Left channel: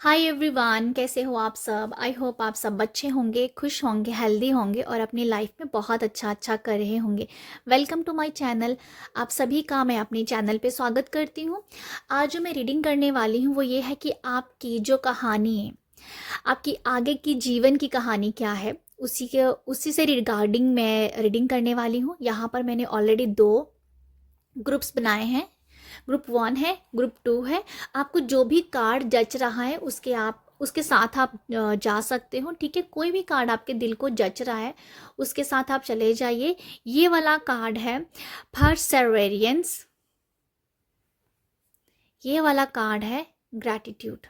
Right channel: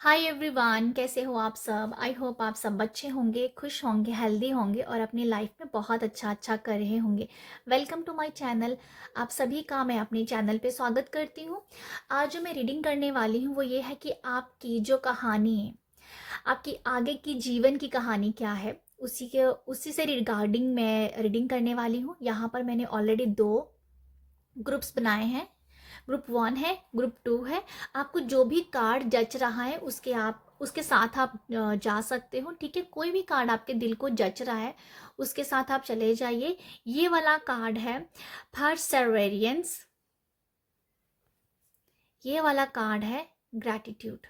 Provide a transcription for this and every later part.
Hi everyone, कैसे हो आप सब। आई होप आप सब अच्छे होंगे, खुश होंगे, हेल्दी होंगे और अपनी लाइफ में बहुत अच्छा अच्छा कर रहे होंगे। Welcome to my channel. आप सभी का मैं अपने चैनल पे स्वागत करती हूँ। आज जो मैं रीडिंग करने वाली हूँ वो ये है कि आपकी जो कहानी है, आपकी आगे की जीवन की कहानी क्या है, उसी से रिगार्डिंग मैं रीडिंग करने वाली हूँ। यहाँ पर मैंने ऑलरेडी दो ग्रुप्स बनाए हैं। ग्रुप वन है, ग्रुप टू है। आपको जो भी कार्ड जच रहा है उसके साथ आप जा सकते हो। ठीक है, कोई भी कार्ड आपके दिल को जच रहा है उसके साथ आप चले जाइए। ये वाला कार्ड है परसेवरेंस। ये वाला कार्ड है ग्रैटिट्यूड।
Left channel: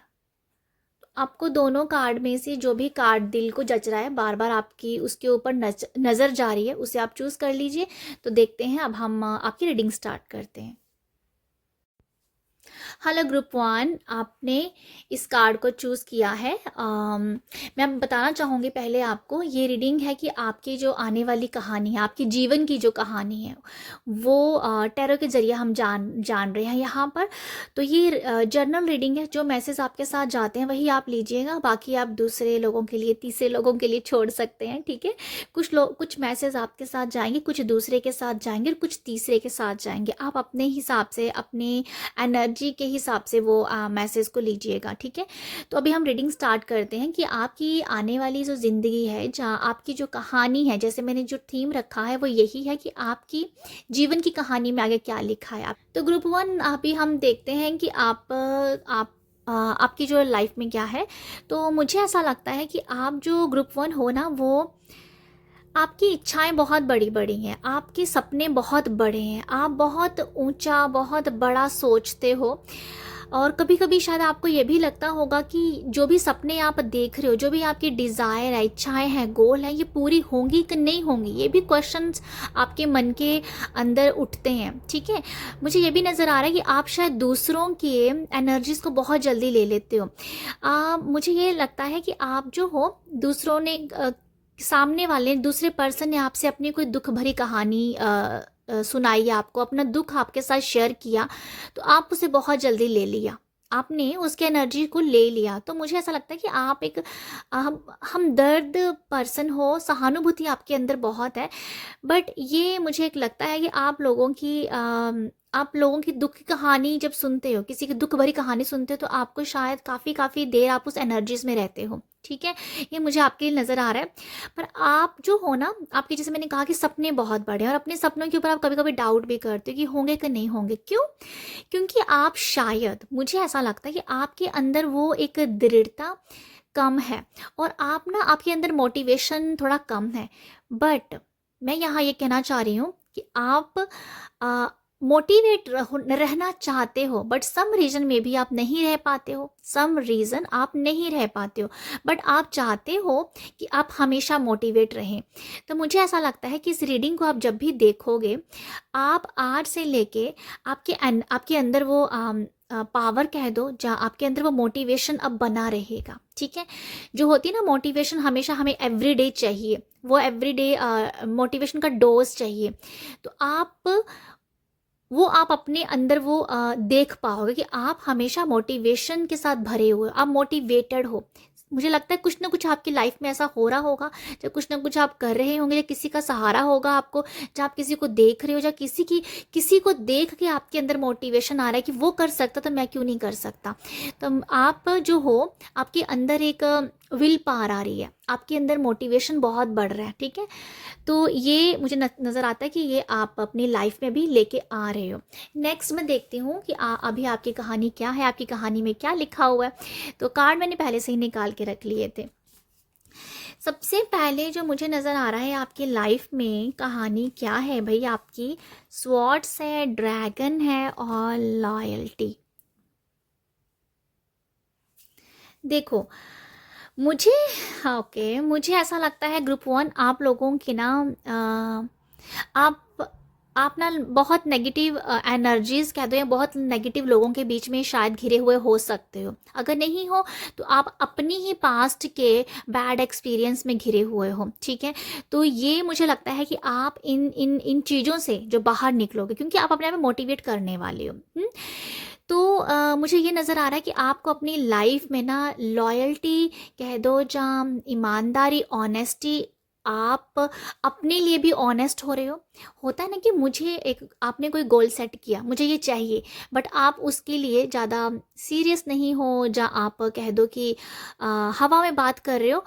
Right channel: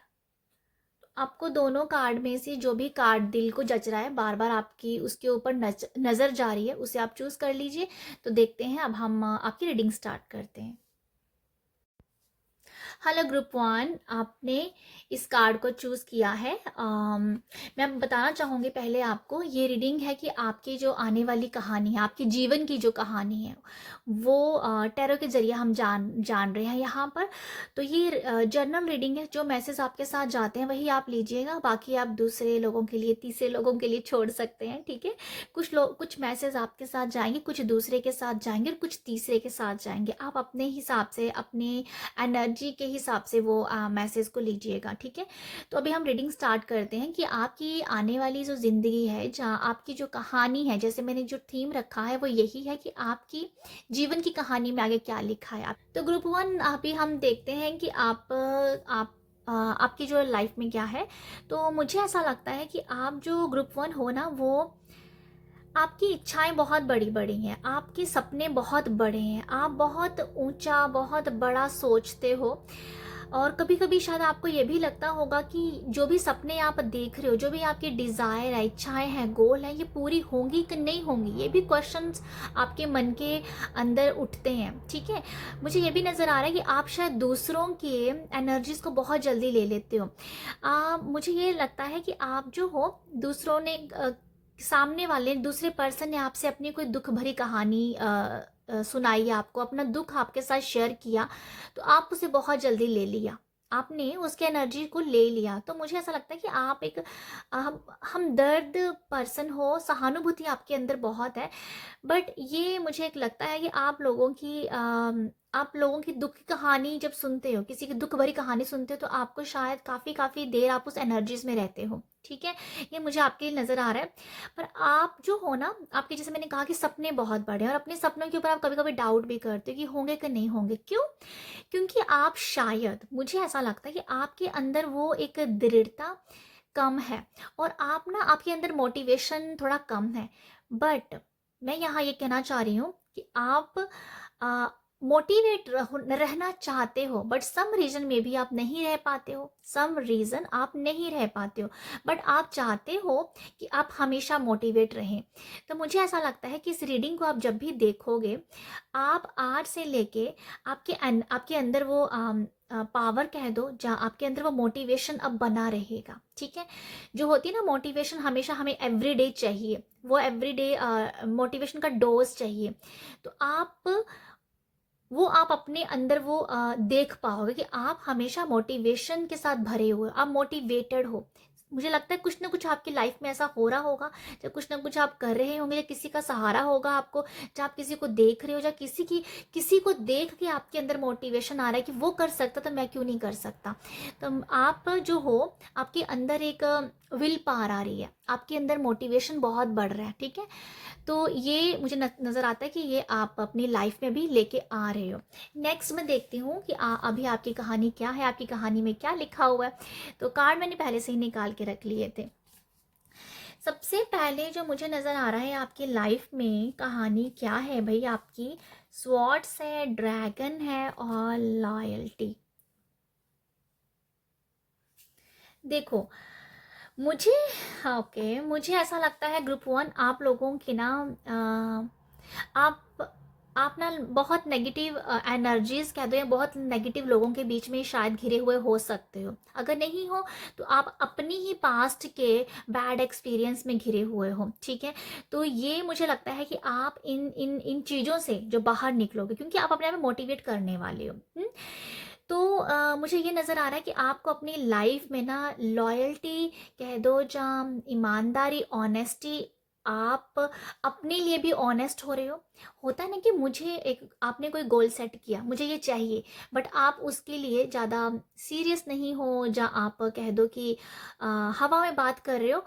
आपको दोनों कार्ड में से जो भी कार्ड दिल को जच रहा है, बार बार आपकी उसके ऊपर नजर जा रही है, उसे आप चूज कर लीजिए। तो देखते हैं, अब हम आपकी रीडिंग स्टार्ट करते हैं। हेलो ग्रुप वन, आपने इस कार्ड को चूज किया है। मैं बताना चाहूँगी पहले आपको, ये रीडिंग है कि आपकी जो आने वाली कहानी है, आपकी जीवन की जो कहानी है वो टैरो के जरिए हम जान रहे हैं यहाँ पर। तो ये जर्नल रीडिंग है। जो मैसेज आपके साथ जाते हैं वही आप लीजिएगा, बाकी आप दूसरे लोगों के लिए, तीसरे लोगों के लिए छोड़ सकते हैं। ठीक है, कुछ मैसेज आपके साथ जाएंगे, कुछ दूसरे के साथ जाएंगे और कुछ तीसरे के साथ जाएंगे। आप अपने हिसाब से, अपने एनर्जी के हिसाब से वो मैसेज को लीजिएगा। ठीक है, तो अभी हम रीडिंग स्टार्ट करते हैं कि आपकी आने वाली जो ज़िंदगी है, जहाँ आपकी जो कहानी है, जैसे मैंने जो थीम रखा है वो यही है कि आपकी जीवन की कहानी में आगे क्या लिखा है। तो ग्रुप वन अभी हम देखते हैं कि आपकी जो लाइफ में क्या है। तो मुझे ऐसा लगता है कि आप जो ग्रुप वन हो ना, वो आपकी इच्छाएं बहुत बड़ी बड़ी हैं, आपके सपने बहुत बड़े हैं, आप बहुत ऊंचा, बहुत बड़ा सोचते हो। और कभी कभी शायद आपको ये भी लगता होगा कि जो भी सपने आप देख रहे हो, जो भी आपकी डिज़ायर है, इच्छाएं हैं, गोल हैं, ये पूरी होंगी कि नहीं होंगी, ये भी क्वेश्चंस आपके मन के अंदर उठते हैं। ठीक है, मुझे ये भी नज़र आ रहा है कि आप शायद दूसरों के एनर्जीज को बहुत जल्दी ले लेते हो। मुझे ये लगता है कि आप जो हो, दूसरों ने सामने वाले दूसरे पर्सन ने आपसे अपनी कोई दुख भरी कहानी सुनाई, आपको अपना दुख आपके साथ शेयर किया, तो आप उसे बहुत जल्दी ले लिया, आपने उसके एनर्जी को ले लिया। तो मुझे ऐसा लगता है कि आप एक हम दर्द पर्सन हो, सहानुभूति आपके अंदर बहुत है। बट ये मुझे एक लगता है कि आप लोगों की दुख की कहानी जब सुनते हो, किसी की दुख भरी कहानी सुनते हो, तो आपको शायद काफ़ी काफ़ी देर आप उस एनर्जीज में रहते हो। ठीक है, ये मुझे आपके लिए नज़र आ रहा है। पर आप जो हो ना, आपके जैसे मैंने कहा कि सपने बहुत बड़े हैं और अपने सपनों के ऊपर आप कभी कभी डाउट भी करते हो कि होंगे कि नहीं होंगे। क्यों? क्योंकि आप शायद, मुझे ऐसा लगता है कि आपके अंदर वो एक दृढ़ता कम है और आप ना, आपके अंदर मोटिवेशन थोड़ा कम है। बट मैं यहाँ ये कहना चाह रही हूँ कि आप मोटिवेट रहना चाहते हो, बट सम रीजन में भी आप नहीं रह पाते हो, सम रीजन आप नहीं रह पाते हो, बट आप चाहते हो कि आप हमेशा मोटिवेट रहें। तो मुझे ऐसा लगता है कि इस रीडिंग को आप जब भी देखोगे, आप आज से लेके आपके अंदर वो पावर कह दो, जहाँ आपके अंदर वो मोटिवेशन अब बना रहेगा। ठीक है, जो होती है ना मोटिवेशन, हमेशा हमें एवरीडे चाहिए, वो एवरीडे मोटिवेशन का डोज चाहिए। तो आप अपने अंदर वो देख पाओगे कि आप हमेशा मोटिवेशन के साथ भरे हुए, आप मोटिवेटेड हो। मुझे लगता है कुछ ना कुछ आपकी लाइफ में ऐसा हो रहा होगा, या कुछ ना कुछ आप कर रहे होंगे, या किसी का सहारा होगा आपको, जहाँ आप किसी को देख रहे हो, या किसी को देख के आपके अंदर मोटिवेशन आ रहा है कि वो कर सकता तो मैं क्यों नहीं कर सकता। तो आप जो हो, आपके अंदर एक विल पावर आ रही है, आपके अंदर मोटिवेशन बहुत बढ़ रहा है। ठीक है, तो ये मुझे नज़र आता है कि ये आप अपनी लाइफ में भी लेके आ रहे हो। नेक्स्ट मैं देखती हूँ कि अभी आपकी कहानी क्या है, आपकी कहानी में क्या लिखा हुआ है। तो कार्ड मैंने पहले से ही निकाल के रख लिए थे। सबसे पहले जो मुझे नज़र आ रहा है, आपकी लाइफ में कहानी क्या है भाई, आपकी स्वॉर्ड्स है, ड्रैगन है और लॉयल्टी। देखो, मुझे, ओके, मुझे ऐसा लगता है ग्रुप वन, आप लोगों की ना आप आप ना बहुत नेगेटिव एनर्जीज कह दो, या बहुत नेगेटिव लोगों के बीच में शायद घिरे हुए हो सकते हो। अगर नहीं हो तो आप अपनी ही पास्ट के बैड एक्सपीरियंस में घिरे हुए हो। ठीक है, तो ये मुझे लगता है कि आप इन इन इन चीज़ों से जो बाहर निकलोगे, क्योंकि आप अपने आप में मोटिवेट करने वाले हो। तो मुझे ये नज़र आ रहा है कि आपको अपनी लाइफ में ना लॉयल्टी कह दो, जहाँ ईमानदारी, ऑनेस्टी, आप अपने लिए भी ऑनेस्ट हो रहे हो। होता है ना कि मुझे एक, आपने कोई गोल सेट किया, मुझे ये चाहिए, बट आप उसके लिए ज़्यादा सीरियस नहीं हो, जहाँ आप कह दो कि हवा में बात कर रहे हो,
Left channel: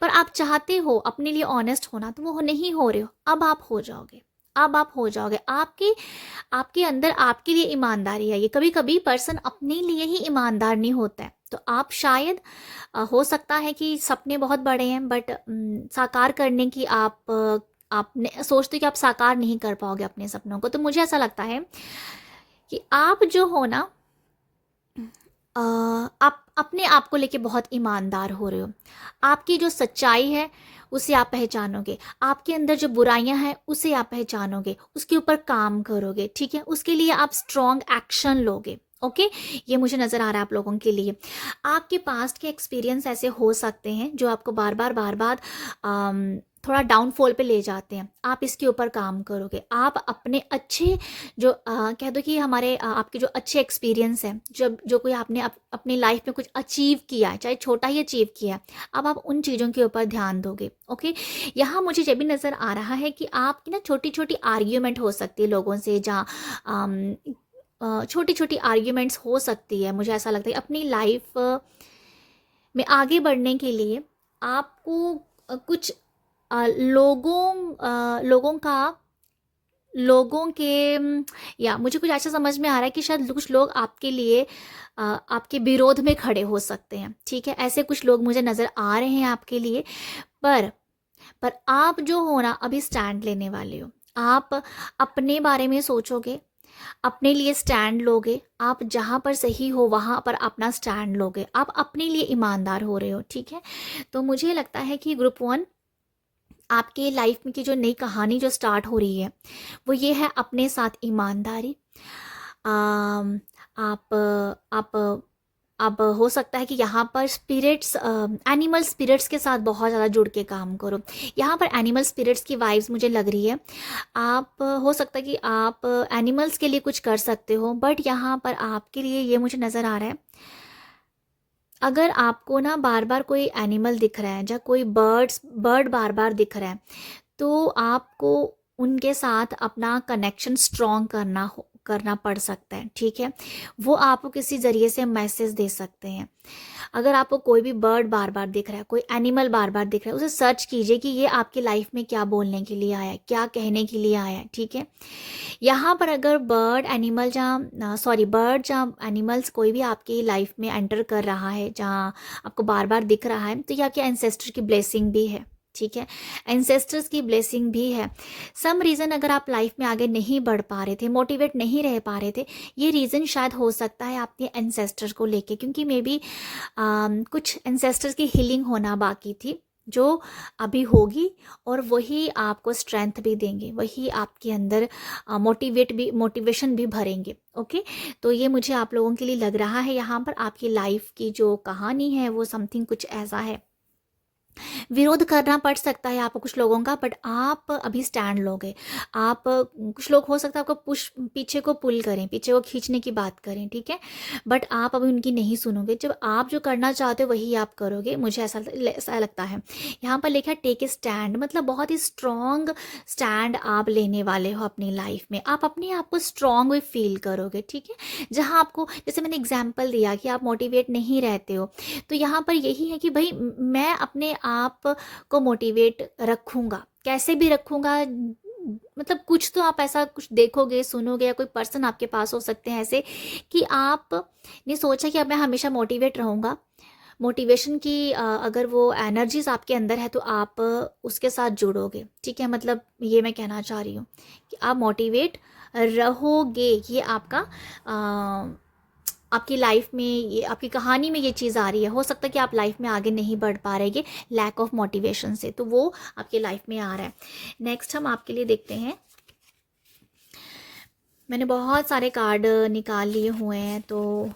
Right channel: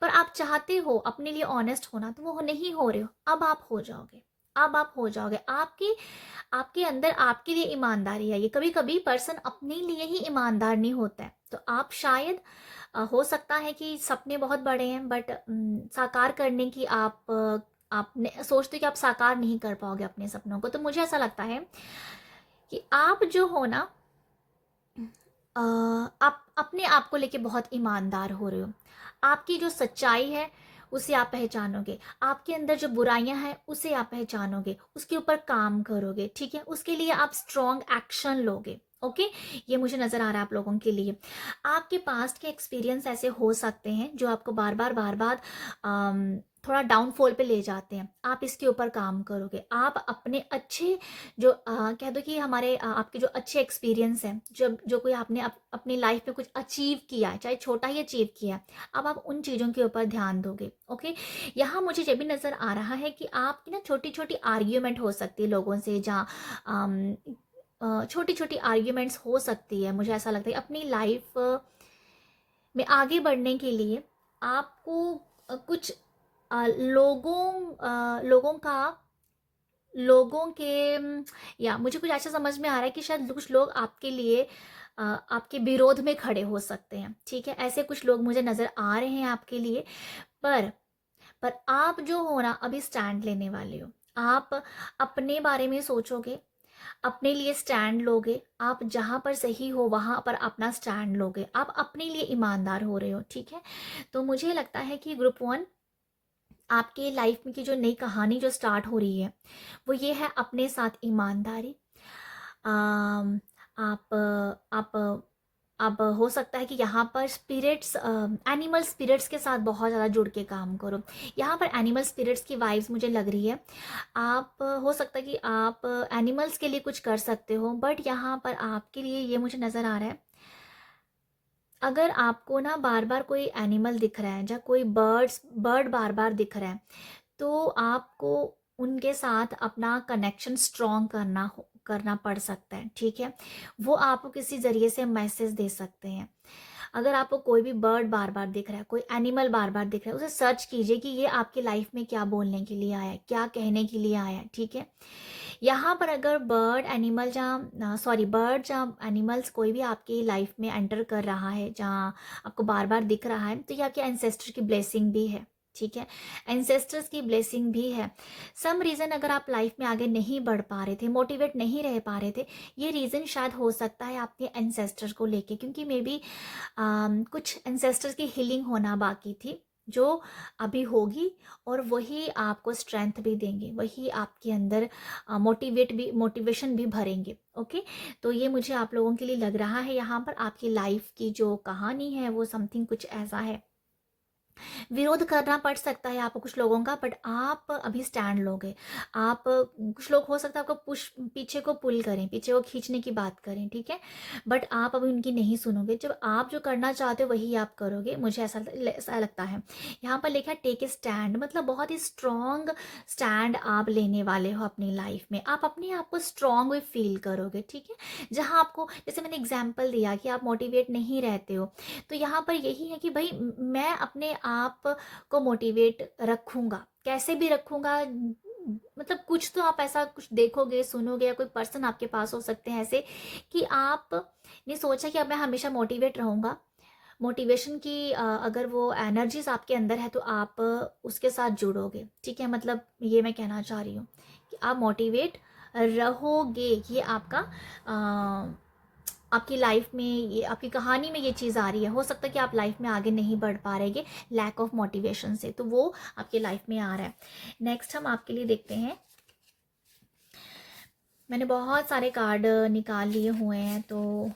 पर आप चाहते हो अपने लिए ऑनेस्ट होना, तो वो नहीं हो रहे हो। अब आप हो जाओगे, अब आप हो जाओगे। आपके आपके अंदर आपके लिए ईमानदारी है। ये कभी कभी पर्सन अपने लिए ही ईमानदार नहीं होता है। तो आप शायद हो सकता है कि सपने बहुत बड़े हैं, बट साकार करने की आपने सोचते हो कि आप साकार नहीं कर पाओगे अपने सपनों को। तो मुझे ऐसा लगता है कि आप जो हो ना, आप अपने आप को लेके बहुत ईमानदार हो रहे हो। आपकी जो सच्चाई है उसे आप पहचानोगे, आपके अंदर जो बुराइयां हैं उसे आप पहचानोगे, उसके ऊपर काम करोगे, ठीक है, उसके लिए आप स्ट्रॉन्ग एक्शन लोगे। ओके, ये मुझे नज़र आ रहा है आप लोगों के लिए। आपके पास्ट के एक्सपीरियंस ऐसे हो सकते हैं जो आपको बार बार थोड़ा डाउनफॉल पे ले जाते हैं। आप इसके ऊपर काम करोगे। आप अपने अच्छे जो कह दो कि हमारे आपके जो अच्छे एक्सपीरियंस हैं, जब जो कोई आपने अपनी लाइफ में कुछ अचीव किया है, चाहे छोटा ही अचीव किया है, अब आप उन चीज़ों के ऊपर ध्यान दोगे। ओके, यहाँ मुझे ये भी नज़र आ रहा है कि आपकी ना छोटी छोटी आर्ग्यूमेंट हो सकती है लोगों से, जहाँ छोटी छोटी आर्ग्यूमेंट्स हो सकती है। मुझे ऐसा लगता है अपनी लाइफ में आगे बढ़ने के लिए आपको कुछ लोगों का लोगों के या मुझे कुछ ऐसा समझ में आ रहा है कि शायद कुछ लोग आपके लिए आपके विरोध में खड़े हो सकते हैं, ठीक है, ऐसे कुछ लोग मुझे नज़र आ रहे हैं आपके लिए। पर पर आप जो हो ना, अभी स्टैंड लेने वाले हो। आप अपने बारे में सोचोगे, अपने लिए स्टैंड लोगे, आप जहाँ पर सही हो वहाँ पर अपना स्टैंड लोगे, आप अपने लिए ईमानदार हो रहे हो, ठीक है। तो मुझे लगता है कि ग्रुप वन आपके लाइफ में की जो नई कहानी जो स्टार्ट हो रही है वो ये है अपने साथ ईमानदारी। आम, आप अब हो सकता है कि यहाँ पर स्पिरिट्स, एनिमल स्पिरिट्स के साथ बहुत ज़्यादा जुड़ के काम करो। यहाँ पर एनिमल स्पिरिट्स की वाइब्स मुझे लग रही है। आप हो सकता है कि आप एनिमल्स के लिए कुछ कर सकते हो, बट यहाँ पर आपके लिए ये मुझे नज़र आ रहा है, अगर आपको ना बार बार कोई एनिमल दिख रहा है, या कोई बर्ड बार बार दिख रहा है, तो आपको उनके साथ अपना कनेक्शन स्ट्रॉन्ग करना पड़ सकता है, ठीक है। वो आपको किसी ज़रिए से मैसेज दे सकते हैं। अगर आपको कोई भी बर्ड बार बार दिख रहा है, कोई एनिमल बार बार दिख रहा है, उसे सर्च कीजिए कि ये आपकी लाइफ में क्या बोलने के लिए आया है, क्या कहने के लिए आया है, ठीक है। यहाँ पर अगर बर्ड जहाँ एनिमल्स कोई भी आपकी लाइफ में एंटर कर रहा है, जहाँ आपको बार बार दिख रहा है, तो ये आपके एंसेस्टर की ब्लेसिंग भी है, ठीक है, एंसेस्टर्स की ब्लेसिंग भी है। सम रीज़न अगर आप लाइफ में आगे नहीं बढ़ पा रहे थे, मोटिवेट नहीं रह पा रहे थे, ये रीज़न शायद हो सकता है आपके एंसेस्टर को लेके, क्योंकि मे बी कुछ एंसेस्टर्स की हीलिंग होना बाकी थी, जो अभी होगी, और वही आपको स्ट्रेंथ भी देंगे, वही आपके अंदर मोटिवेशन भी भरेंगे। ओके, तो ये मुझे आप लोगों के लिए लग रहा है, यहाँ पर आपकी लाइफ की जो कहानी है वो समथिंग कुछ ऐसा है। विरोध करना पड़ सकता है आपको कुछ लोगों का, बट आप अभी स्टैंड लोगे। आप कुछ लोग हो सकता है आपको पीछे को पुल करें, पीछे को खींचने की बात करें, ठीक है, बट आप अभी उनकी नहीं सुनोगे। जब आप जो करना चाहते हो वही आप करोगे, मुझे ऐसा लगता है। यहाँ पर लिखा है टेक ए स्टैंड, मतलब बहुत ही स्ट्रॉन्ग स्टैंड आप लेने वाले हो अपनी लाइफ में। आप अपने आप को स्ट्रॉन्ग वे फील करोगे, ठीक है। जहाँ आपको, जैसे मैंने एग्जाम्पल दिया कि आप मोटिवेट नहीं रहते हो, तो यहाँ पर यही है कि भाई मैं अपने आप को मोटिवेट रखूँगा, कैसे भी रखूँगा। मतलब कुछ तो आप ऐसा कुछ देखोगे, सुनोगे, या कोई पर्सन आपके पास हो सकते हैं ऐसे कि आप ने सोचा कि अब मैं हमेशा मोटिवेट रहूँगा। मोटिवेशन की अगर वो एनर्जीज आपके अंदर है तो आप उसके साथ जुड़ोगे, ठीक है। मतलब ये मैं कहना चाह रही हूँ कि आप मोटिवेट रहोगे। ये आपका आपकी लाइफ में, ये आपकी कहानी में ये चीज़ आ रही है। हो सकता है कि आप लाइफ में आगे नहीं बढ़ पा रहे लैक ऑफ मोटिवेशन से, तो वो आपकी लाइफ में आ रहा है। नेक्स्ट हम आपके लिए देखते हैं, मैंने बहुत सारे कार्ड निकाल लिए हुए हैं, तो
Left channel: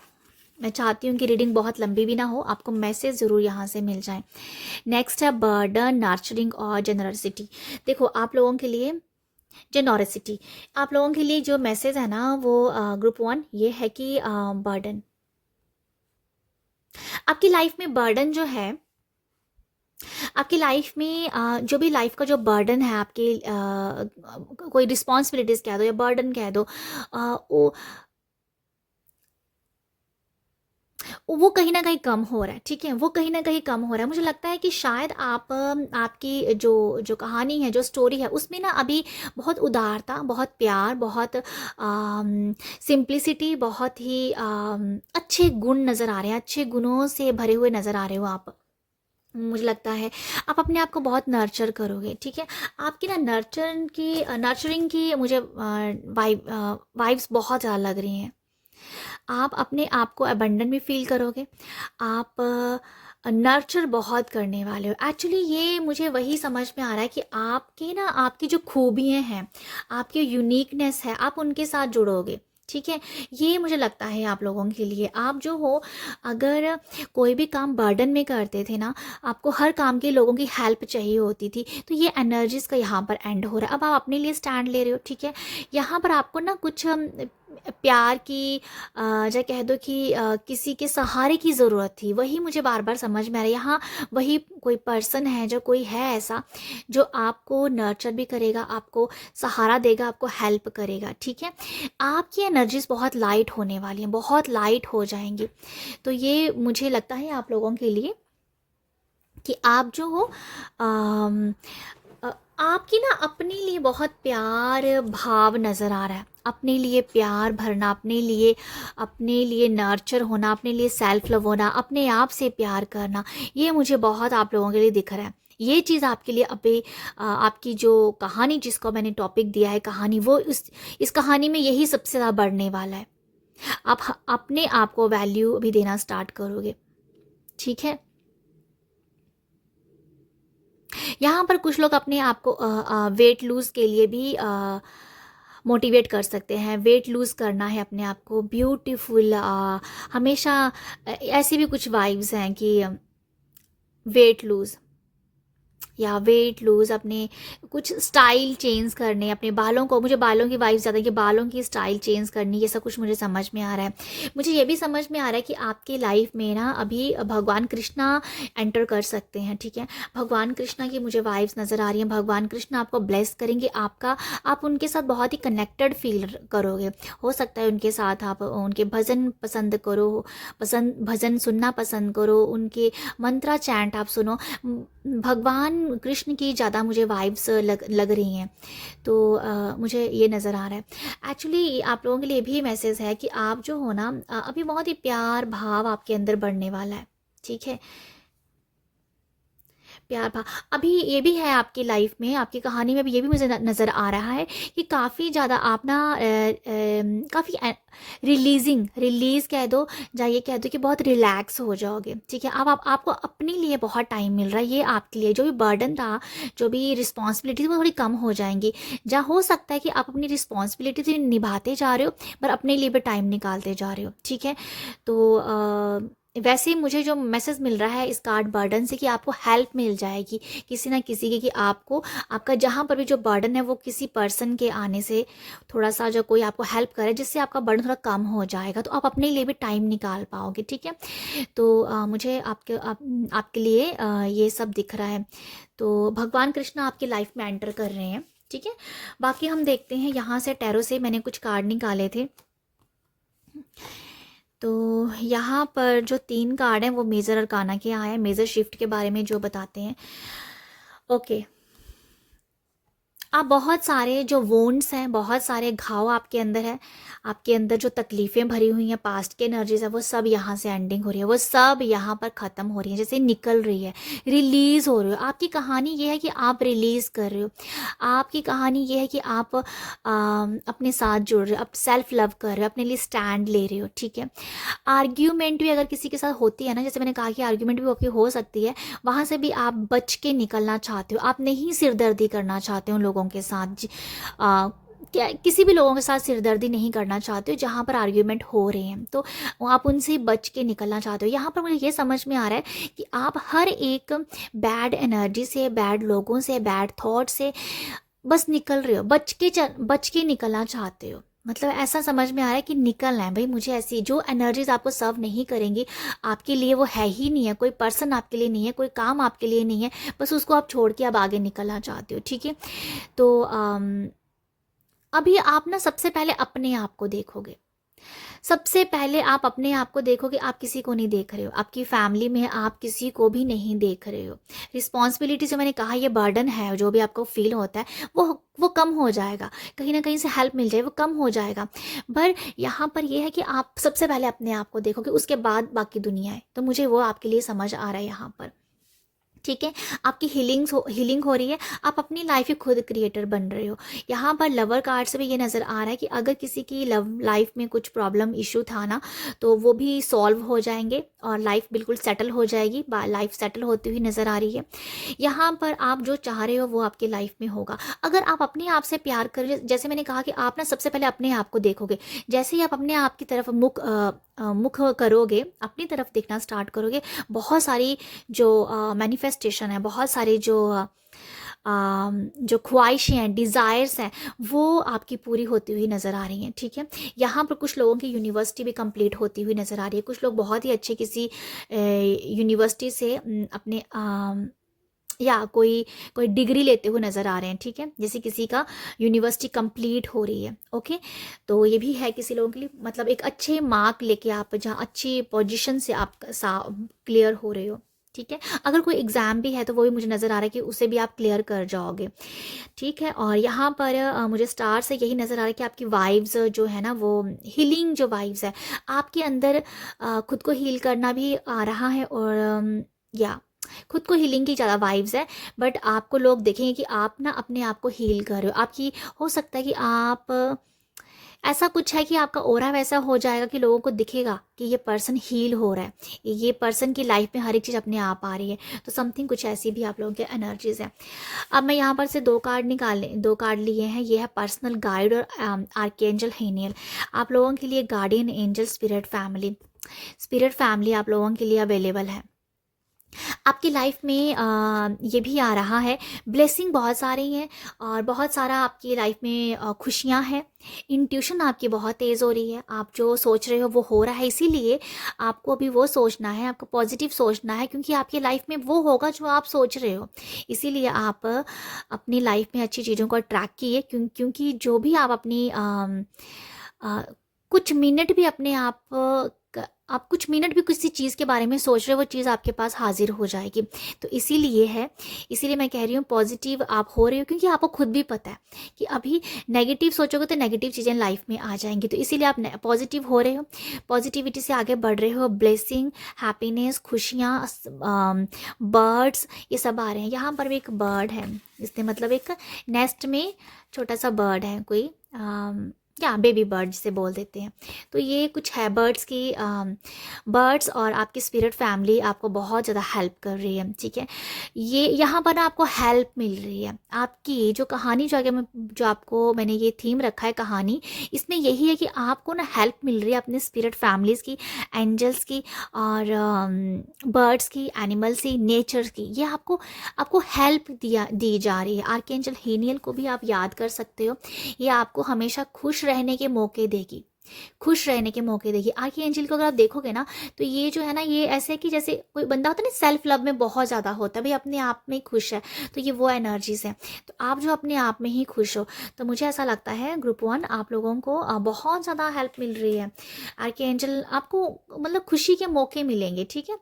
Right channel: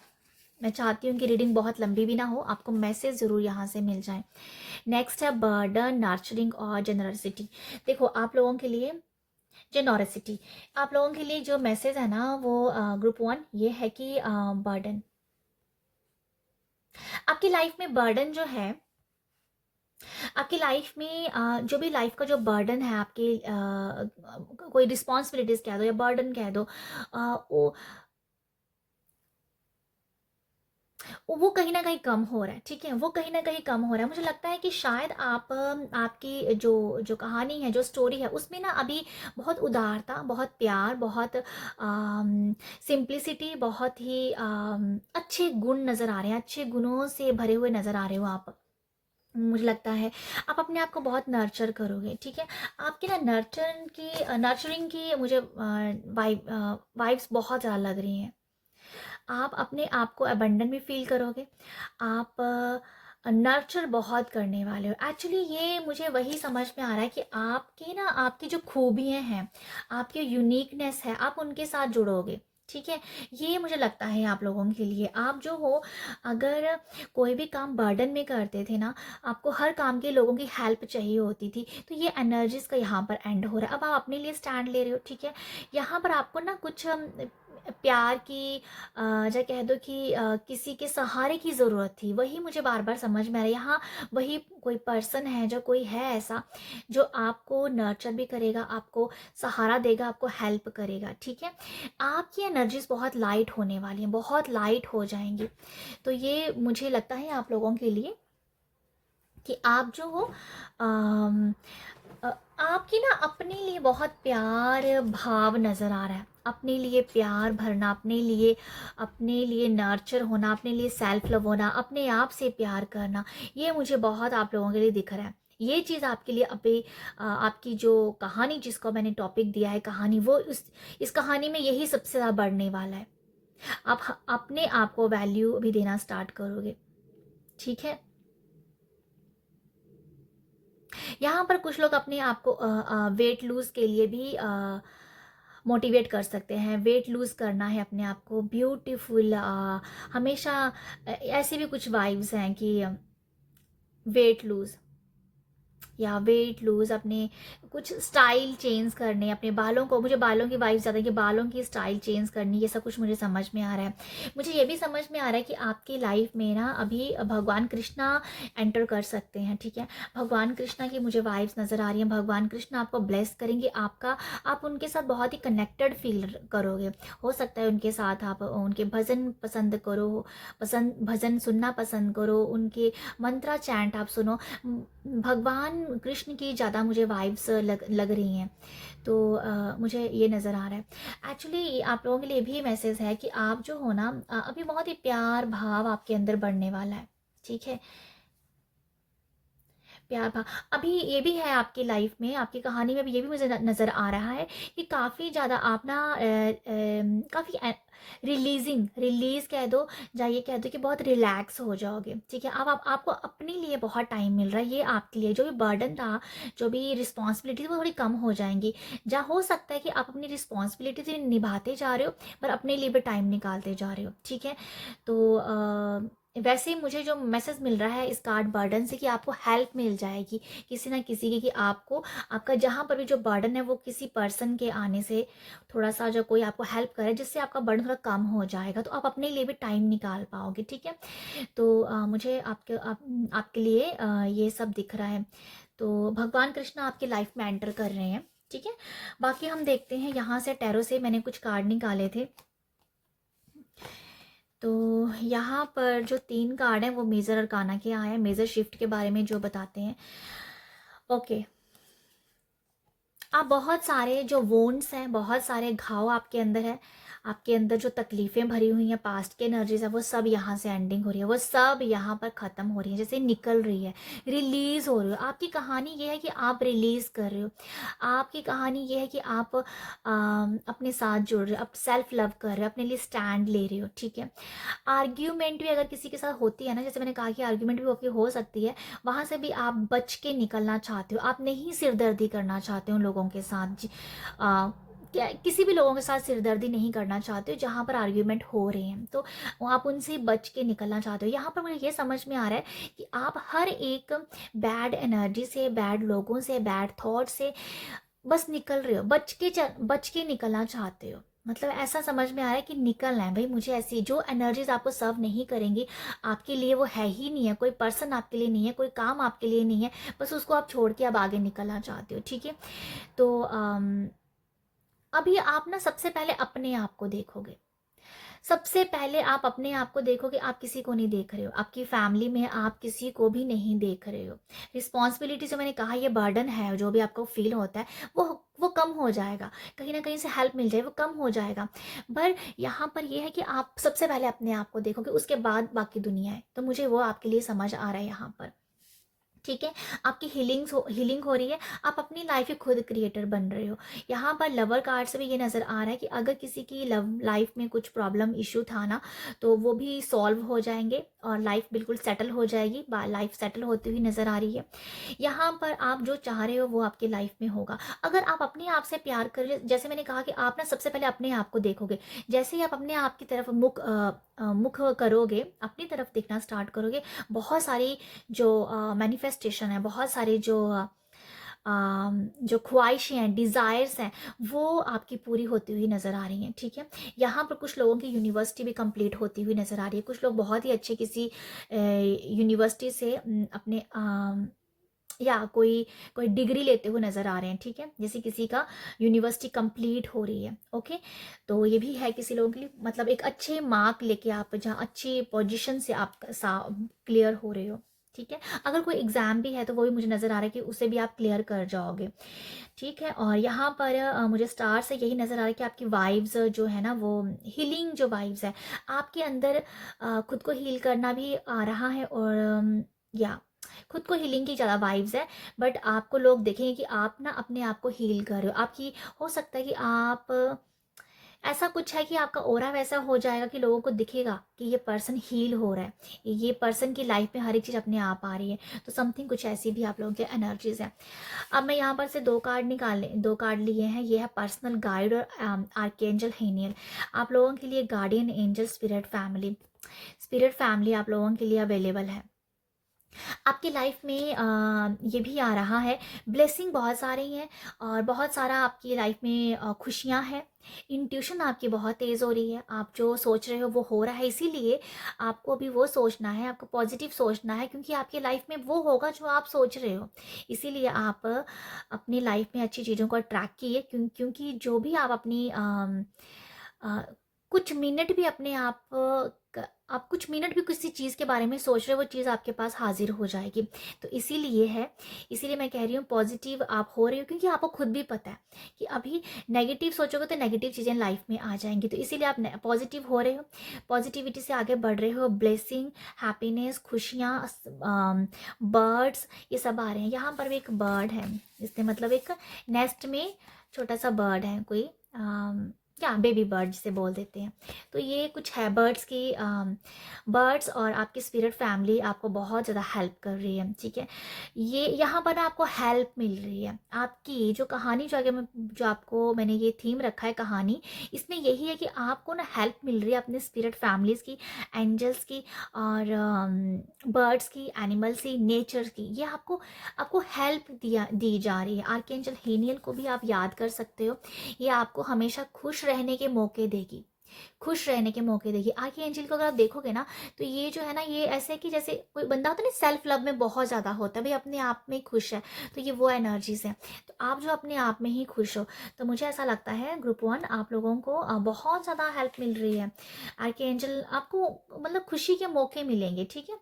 मैं चाहती हूँ कि रीडिंग बहुत लंबी भी ना हो, आपको मैसेज ज़रूर यहाँ से मिल जाए। नेक्स्ट है बर्डन, नर्चरिंग और जेनरसिटी। देखो आप लोगों के लिए जेनोरिसिटी। आप लोगों के लिए जो मैसेज है ना वो ग्रुप वन ये है कि बर्डन, आपकी लाइफ में बर्डन जो है, आपकी लाइफ में जो भी लाइफ का जो बर्डन है आपके, कोई रिस्पॉन्सिबिलिटीज कह दो या बर्डन कह दो, वो वो कहीं ना कहीं कम हो रहा है, ठीक है, वो कहीं ना कहीं कम हो रहा है। मुझे लगता है कि शायद आप आपकी जो जो कहानी है, जो स्टोरी है, उसमें ना अभी बहुत उदारता, बहुत प्यार, बहुत सिंप्लिसिटी, बहुत ही अच्छे गुण नज़र आ रहे हैं, अच्छे गुणों से भरे हुए नज़र आ रहे हो आप। मुझे लगता है आप अपने आप को बहुत नर्चर करोगे, ठीक है। आपकी ना नर्चरिंग की मुझे वाइब्स बहुत ज़्यादा लग रही हैं। आप अपने आप को अबंडन भी फील करोगे, आप नर्चर बहुत करने वाले हो। एक्चुअली ये मुझे वही समझ में आ रहा है कि आपकी ना, आपकी जो खूबियाँ हैं, आपकी यूनिकनेस है, आप उनके साथ जुड़ोगे, ठीक है। ये मुझे लगता है आप लोगों के लिए, आप जो हो, अगर कोई भी काम बर्डन में करते थे ना, आपको हर काम के लोगों की हेल्प चाहिए होती थी, तो ये एनर्जीज का यहाँ पर एंड हो रहा है। अब आप अपने लिए स्टैंड ले रहे हो, ठीक है। यहाँ पर आपको ना कुछ प्यार की, या कह दो कि किसी के सहारे की ज़रूरत थी, वही मुझे बार बार समझ में आ रहा है। यहाँ वही कोई पर्सन है, जो कोई है ऐसा जो आपको नर्चर भी करेगा, आपको सहारा देगा, आपको हेल्प करेगा, ठीक है। आपकी एनर्जीज बहुत लाइट होने वाली हैं, बहुत लाइट हो जाएंगी। तो ये मुझे लगता है आप लोगों के लिए कि आप जो हो, अम, आपकी ना अपने लिए बहुत प्यार भाव नज़र आ रहा है, अपने लिए प्यार भरना, अपने लिए नर्चर होना, अपने लिए सेल्फ लव होना, अपने आप से प्यार करना, ये मुझे बहुत आप लोगों के लिए दिख रहा है। ये चीज़ आपके लिए अभी आपकी जो कहानी, जिसको मैंने टॉपिक दिया है कहानी, वो इस कहानी में यही सबसे ज़्यादा बढ़ने वाला है। आप अपने आप को वैल्यू भी देना स्टार्ट करोगे, ठीक है। यहाँ पर कुछ लोग अपने आप को वेट लूज के लिए भी मोटिवेट कर सकते हैं। वेट लूज़ करना है अपने आप को, ब्यूटीफुल, हमेशा ऐसी भी कुछ वाइब्स हैं कि वेट लूज़ या वेट लूज़, अपने कुछ स्टाइल चेंज करने, अपने बालों को, मुझे बालों की वाइफ ज़्यादा, कि बालों की स्टाइल चेंज करनी, ये सब कुछ मुझे समझ में आ रहा है। मुझे ये भी समझ में आ रहा है कि आपकी लाइफ में ना अभी भगवान कृष्णा एंटर कर सकते हैं, ठीक है। भगवान कृष्णा की मुझे वाइब्स नज़र आ रही हैं। भगवान कृष्णा आपको ब्लेस करेंगे, आप उनके साथ बहुत ही कनेक्टेड फील करोगे। हो सकता है उनके साथ आप उनके भजन पसंद करो, भजन सुनना पसंद करो, उनके मंत्रा चैंट आप सुनो। भगवान कृष्ण की ज़्यादा मुझे वाइब्स लग रही हैं। तो मुझे ये नज़र आ रहा है। एक्चुअली आप लोगों के लिए भी मैसेज है कि आप जो हो ना, अभी बहुत ही प्यार भाव आपके अंदर बढ़ने वाला है, ठीक है। प्यार भा अभी ये भी है आपकी लाइफ में, आपकी कहानी में भी ये भी मुझे नज़र आ रहा है कि काफ़ी ज़्यादा आप ना काफ़ी रिलीज़ कह दो, या ये कह दो कि बहुत रिलैक्स हो जाओगे, ठीक है। अब आपको अपने लिए बहुत टाइम मिल रहा है। ये आपके लिए जो भी बर्डन था, जो भी रिस्पॉन्सिबिलिटी वो थोड़ी कम हो जाएंगी। जहाँ हो सकता है कि आप अपनी रिस्पॉन्सिबिलिटी निभाते जा रहे हो, पर अपने लिए भी टाइम निकालते जा रहे हो, ठीक है। तो वैसे ही मुझे जो मैसेज मिल रहा है इस कार्ड बर्डन से, कि आपको हेल्प मिल जाएगी किसी ना किसी की, कि आपको आपका जहाँ पर भी जो बर्डन है वो किसी पर्सन के आने से थोड़ा सा, जो कोई आपको हेल्प करे, जिससे आपका बर्डन थोड़ा कम हो जाएगा, तो आप अपने लिए भी टाइम निकाल पाओगे, ठीक है। तो मुझे आपके लिए ये सब दिख रहा है। तो भगवान कृष्ण आपकी लाइफ में एंटर कर रहे हैं, ठीक है। बाकी हम देखते हैं यहाँ से, टैरो से मैंने कुछ कार्ड निकाले थे। तो यहाँ पर जो 3 कार्ड हैं वो मेजर अरकाना के आए हैं, मेजर शिफ्ट के बारे में जो बताते हैं। ओके, आप बहुत सारे जो वोन्ड्स हैं, बहुत सारे घाव आपके अंदर है, आपके अंदर जो तकलीफ़ें भरी हुई हैं, पास्ट के एनर्जीज है, वो सब यहाँ से एंडिंग हो रही है, वो सब यहाँ पर ख़त्म हो रही है, जैसे निकल रही है, रिलीज़ हो रही हो। आपकी कहानी ये है कि आप रिलीज़ कर रहे हो। आपकी कहानी ये है कि आप अपने साथ जुड़ रहे हो, आप सेल्फ लव कर रहे हो, अपने लिए स्टैंड ले रहे हो, ठीक है। आर्ग्यूमेंट भी अगर किसी के साथ होती है ना, जैसे मैंने कहा कि आर्ग्यूमेंट भी आपकी हो सकती है, वहाँ से भी आप बच के निकलना चाहते हो, आप नहीं सिरदर्दी करना चाहते हो लोगों के साथ, क्या किसी भी लोगों के साथ सिरदर्दी नहीं करना चाहते हो जहाँ पर आर्ग्यूमेंट हो रहे हैं, तो आप उनसे बच के निकलना चाहते हो। यहाँ पर मुझे ये समझ में आ रहा है कि आप हर एक बैड एनर्जी से, बैड लोगों से, बैड थॉट से बस निकल रहे हो, बच के निकलना चाहते हो। मतलब ऐसा समझ में आ रहा है कि निकलना है भाई मुझे, ऐसी जो एनर्जीज आपको सर्व नहीं करेंगी, आपके लिए वो है ही नहीं है, कोई पर्सन आपके लिए नहीं है, कोई काम आपके लिए नहीं है, बस उसको आप छोड़ के अब आगे निकलना चाहते हो। ठीक है, तो अभी आप ना सबसे पहले अपने आप को देखोगे, सबसे पहले आप अपने आप को देखोगे। आप किसी को नहीं देख रहे हो, आपकी फैमिली में आप किसी को भी नहीं देख रहे हो। रिस्पॉन्सिबिलिटी जो मैंने कहा, ये बर्डन है जो भी आपको फील होता है, वो कम हो जाएगा, कहीं ना कहीं से हेल्प मिल जाए, वो कम हो जाएगा। पर यहाँ पर ये है कि आप सबसे पहले अपने आप को देखोगे, उसके बाद बाकी दुनिया है। तो मुझे वो आपके लिए समझ आ रहा है यहाँ पर। ठीक है, आपकी हीलिंग हो रही है, आप अपनी लाइफ के खुद क्रिएटर बन रहे हो। यहाँ पर लवर कार्ड से भी ये नज़र आ रहा है कि अगर किसी की लव लाइफ में कुछ प्रॉब्लम इशू था ना, तो वो भी सॉल्व हो जाएंगे और लाइफ बिल्कुल सेटल हो जाएगी। लाइफ सेटल होती हुई नज़र आ रही है। यहाँ पर आप जो चाह रहे हो वो आपके लाइफ में होगा। अगर आप अपने आप से प्यार कर, जैसे मैंने कहा कि आप ना सबसे पहले अपने आप को देखोगे, जैसे ही आप अपने आप की तरफ मुख करोगे, अपनी तरफ देखना स्टार्ट करोगे, बहुत सारी जो मैनिफेस्टेशन है, बहुत सारे जो ख्वाहिशें हैं, डिज़ायर्स हैं, वो आपकी पूरी होती हुई नज़र आ रही हैं। ठीक है, यहाँ पर कुछ लोगों की यूनिवर्सिटी भी कंप्लीट होती हुई नज़र आ रही है। कुछ लोग बहुत ही अच्छे किसी यूनिवर्सिटी से अपने या कोई डिग्री लेते हुए नज़र आ रहे हैं। ठीक है, जैसे किसी का यूनिवर्सिटी कंप्लीट हो रही है। ओके, तो ये भी है किसी लोगों के लिए, मतलब एक अच्छे मार्क लेके आप जहाँ अच्छी पोजीशन से आप क्लियर हो रहे हो। ठीक है, अगर कोई एग्ज़ाम भी है तो वो भी मुझे नज़र आ रहा है कि उसे भी आप क्लियर कर जाओगे। ठीक है, और यहाँ पर मुझे स्टार से यही नज़र आ रहा है कि आपकी वाइब्स जो है ना, वो हीलिंग जो वाइब्स है आपके अंदर, खुद को हील करना भी आ रहा है। और या खुद को हीलिंग की ज़्यादा वाइब्स है, बट आपको लोग देखेंगे कि आप ना अपने आप को हील कर रहे हो। आपकी हो सकता है कि आप ऐसा कुछ है कि आपका ऑरा वैसा हो जाएगा कि लोगों को दिखेगा कि ये पर्सन हील हो रहा है, ये पर्सन की लाइफ में हर एक चीज़ अपने आप आ रही है। तो समथिंग कुछ ऐसी भी आप लोगों के एनर्जीज हैं। अब मैं यहाँ पर से दो कार्ड लिए हैं। ये है पर्सनल गाइड और आर्कएंजल हेनियल। आप लोगों के लिए गार्डियन एंजल स्पिरिट फैमिली आप लोगों के लिए अवेलेबल है। आपकी लाइफ में ये भी आ रहा है, ब्लेसिंग बहुत सारी हैं और बहुत सारा आपकी लाइफ में खुशियाँ हैं। इंट्यूशन आपकी बहुत तेज़ हो रही है, आप जो सोच रहे हो वो हो रहा है, इसीलिए आपको भी वो सोचना है, आपको पॉजिटिव सोचना है, क्योंकि आपकी लाइफ में वो होगा जो आप सोच रहे हो। इसीलिए आप अपनी लाइफ में अच्छी चीज़ों को अट्रैक्ट किए, क्योंकि जो भी आप अपनी अ, कुछ मिनट भी अपने आप कुछ मिनट भी किसी चीज़ के बारे में सोच रहे हो, वो चीज़ आपके पास हाजिर हो जाएगी। तो इसीलिए मैं कह रही हूँ पॉजिटिव आप हो रहे हो, क्योंकि आपको खुद भी पता है कि अभी नेगेटिव सोचोगे तो नेगेटिव चीज़ें लाइफ में आ जाएंगी। तो इसीलिए आप पॉजिटिव हो रहे हो, पॉजिटिविटी से आगे बढ़ रहे हो। ब्लेसिंग, हैप्पीनेस, खुशियाँ, बर्ड्स, ये सब आ रहे हैं। यहाँ पर भी एक बर्ड है, इसने मतलब एक नेस्ट में छोटा सा बर्ड है, कोई क्या बेबी बर्ड जिसे बोल देते हैं। तो ये कुछ है बर्ड्स और आपकी स्पिरिट फैमिली आपको बहुत ज़्यादा हेल्प कर रही है। ठीक है, ये यहाँ पर ना आपको हेल्प मिल रही है। आपकी जो कहानी जो आपको मैंने ये थीम रखा है कहानी, इसमें यही है कि आपको ना हेल्प मिल रही है अपने स्पिरिट फैमिलीज़ की, एंजल्स की और बर्ड्स की, एनिमल्स की, नेचर की। ये आपको हेल्प दी जा रही है। आर्कएंजल हेनियल को भी आप याद कर सकते हो, ये आपको हमेशा खुश रहने के मौके देगी, खुश रहने के मौके देगी। आर्की एंजल को अगर आप देखोगे ना, तो ये जो है ना, ये ऐसे है कि जैसे कोई बंदा होता है ना सेल्फ लव में बहुत ज़्यादा होता है, भाई अपने आप में खुश है, तो ये वो एनर्जीज है। तो आप जो अपने आप में ही खुश हो, तो मुझे ऐसा लगता है ग्रुप 1 आप लोगों को बहुत ज़्यादा हेल्प मिल रही है। आर्की एंजल आपको मतलब खुशी के मौके मिलेंगे। ठीक है,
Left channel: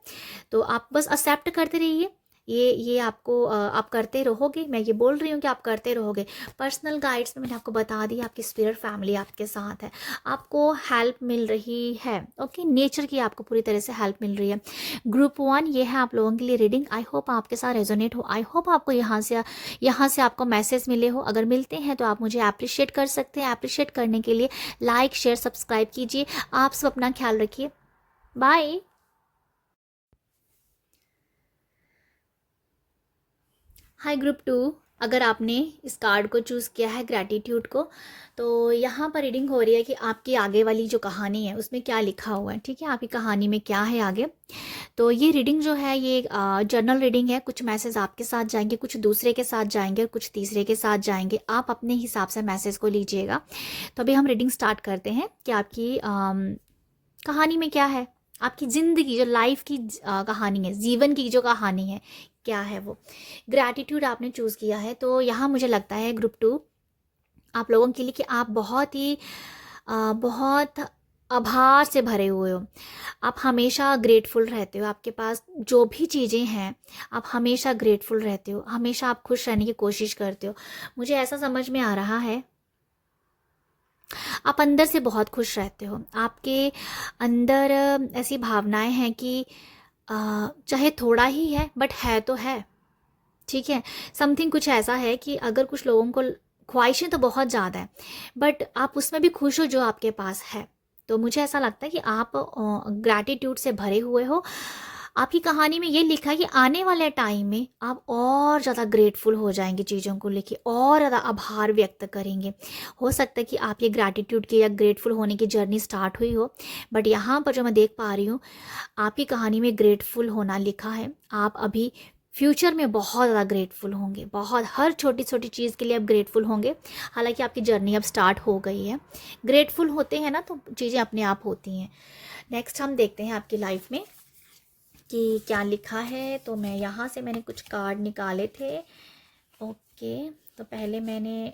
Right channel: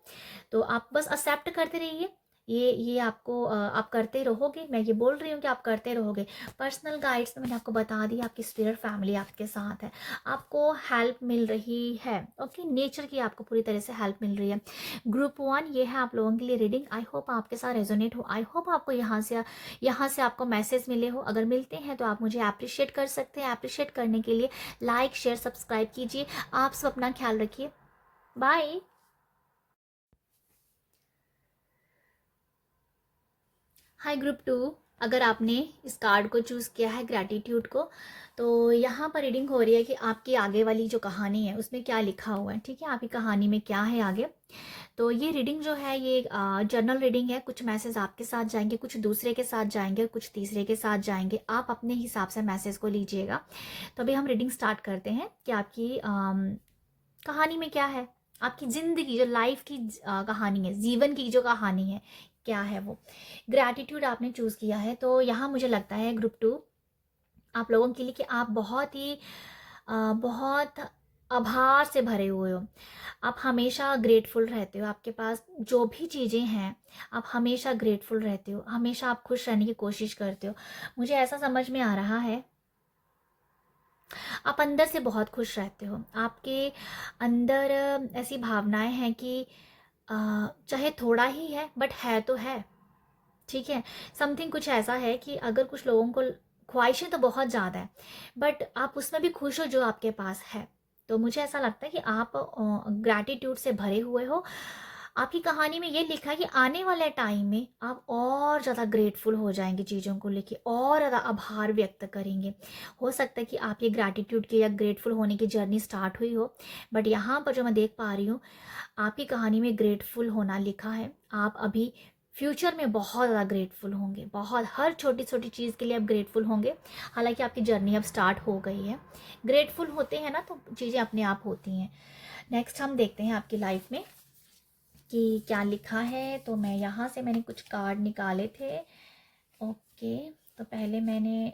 तो आप बस एक्सेप्ट करते रहिए, ये आपको आप करते रहोगे। मैं ये बोल रही हूँ कि आप करते रहोगे। पर्सनल गाइड्स में मैंने आपको बता दिया, आपकी स्पिरिट फैमिली आपके साथ है, आपको हेल्प मिल रही है। ओके, नेचर की आपको पूरी तरह से हेल्प मिल रही है। ग्रुप 1 ये है आप लोगों के लिए रीडिंग। आई होप आपके साथ रेजोनेट हो, आई होप आपको यहाँ से आपको मैसेज मिले हो। अगर मिलते हैं तो आप मुझे अप्रिशिएट कर सकते हैं। अप्रिशिएट करने के लिए लाइक, शेयर, सब्सक्राइब कीजिए। आप सब अपना ख्याल रखिए। बाय। हाय ग्रुप 2। अगर आपने इस कार्ड को चूज़ किया है ग्रैटिट्यूड को, तो यहाँ पर रीडिंग हो रही है कि आपकी आगे वाली जो कहानी है उसमें क्या लिखा हुआ है, ठीक है, आपकी कहानी में क्या है आगे। तो ये रीडिंग जो है ये जर्नल रीडिंग है। कुछ मैसेज आपके साथ जाएंगे, कुछ दूसरे के साथ जाएंगे, कुछ तीसरे के साथ जाएंगे। आप अपने हिसाब से मैसेज को लीजिएगा। तो अभी हम रीडिंग स्टार्ट करते हैं कि आपकी कहानी में क्या है, आपकी ज़िंदगी जो लाइफ की कहानी है, जीवन की जो कहानी है क्या है वो। ग्रैटिट्यूड आपने चूज़ किया है, तो यहाँ मुझे लगता है ग्रुप 2 आप लोगों के लिए कि आप बहुत ही बहुत आभार से भरे हुए हो। आप हमेशा ग्रेटफुल रहते हो, आपके पास जो भी चीज़ें हैं आप हमेशा ग्रेटफुल रहते हो, हमेशा आप खुश रहने की कोशिश करते हो। मुझे ऐसा समझ में आ रहा है आप अंदर से बहुत खुश रहते हो। आपके अंदर ऐसी भावनाएं हैं कि चाहे थोड़ा ही है बट है तो है, ठीक है। समथिंग कुछ ऐसा है कि अगर कुछ लोगों को ख्वाहिशें तो बहुत ज़्यादा है बट आप उसमें भी खुश हो जो आपके पास है। तो मुझे ऐसा लगता है कि आप ग्रैटिट्यूड से भरे हुए हो। आपकी कहानी में ये लिखा है कि आने वाले टाइम में आप और ज़्यादा ग्रेटफुल हो जाएंगे, चीज़ों को लेके और ज़्यादा आभार व्यक्त करेंगे। हो सकता है कि आपकी ग्रैटिट्यूड की या ग्रेटफुल होने की जर्नी स्टार्ट हुई हो, बट यहाँ पर जो मैं देख पा रही हूँ आपकी कहानी में ग्रेटफुल होना लिखा है। आप अभी फ्यूचर में बहुत ज़्यादा ग्रेटफुल होंगे, बहुत हर छोटी छोटी चीज़ के लिए आप ग्रेटफुल होंगे। हालांकि आपकी जर्नी अब स्टार्ट हो गई है। ग्रेटफुल होते हैं ना तो चीज़ें अपने आप होती हैं। नेक्स्ट हम देखते हैं आपकी लाइफ में कि क्या लिखा है। तो मैं यहाँ से मैंने कुछ कार्ड निकाले थे। ओके, तो पहले मैंने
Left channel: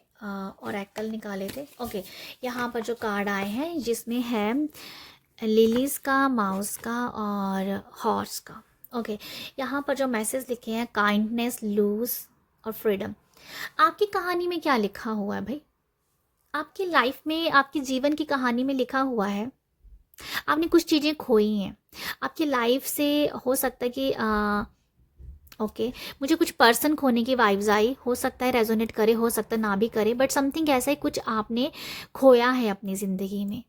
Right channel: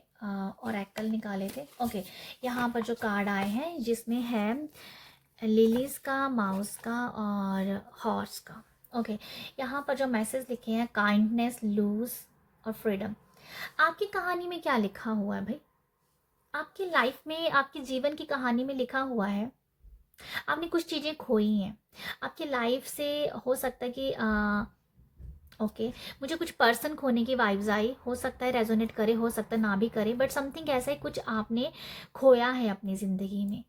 ओरेकल निकाले थे। ओके, यहाँ पर जो कार्ड आए हैं जिसमें है लिलीज का, माउस का और हॉर्स का। ओके, यहाँ पर जो मैसेज लिखे हैं काइंडनेस, लूज और फ्रीडम। आपकी कहानी में क्या लिखा हुआ है भाई? आपकी लाइफ में, आपकी जीवन की कहानी में लिखा हुआ है आपने कुछ चीज़ें खोई हैं आपकी लाइफ से। हो सकता है कि ओके, मुझे कुछ पर्सन खोने की वाइब्स आई। हो सकता है रेजोनेट करे, हो सकता है ना भी करे, बट समथिंग ऐसा है कुछ आपने खोया है अपनी ज़िंदगी में,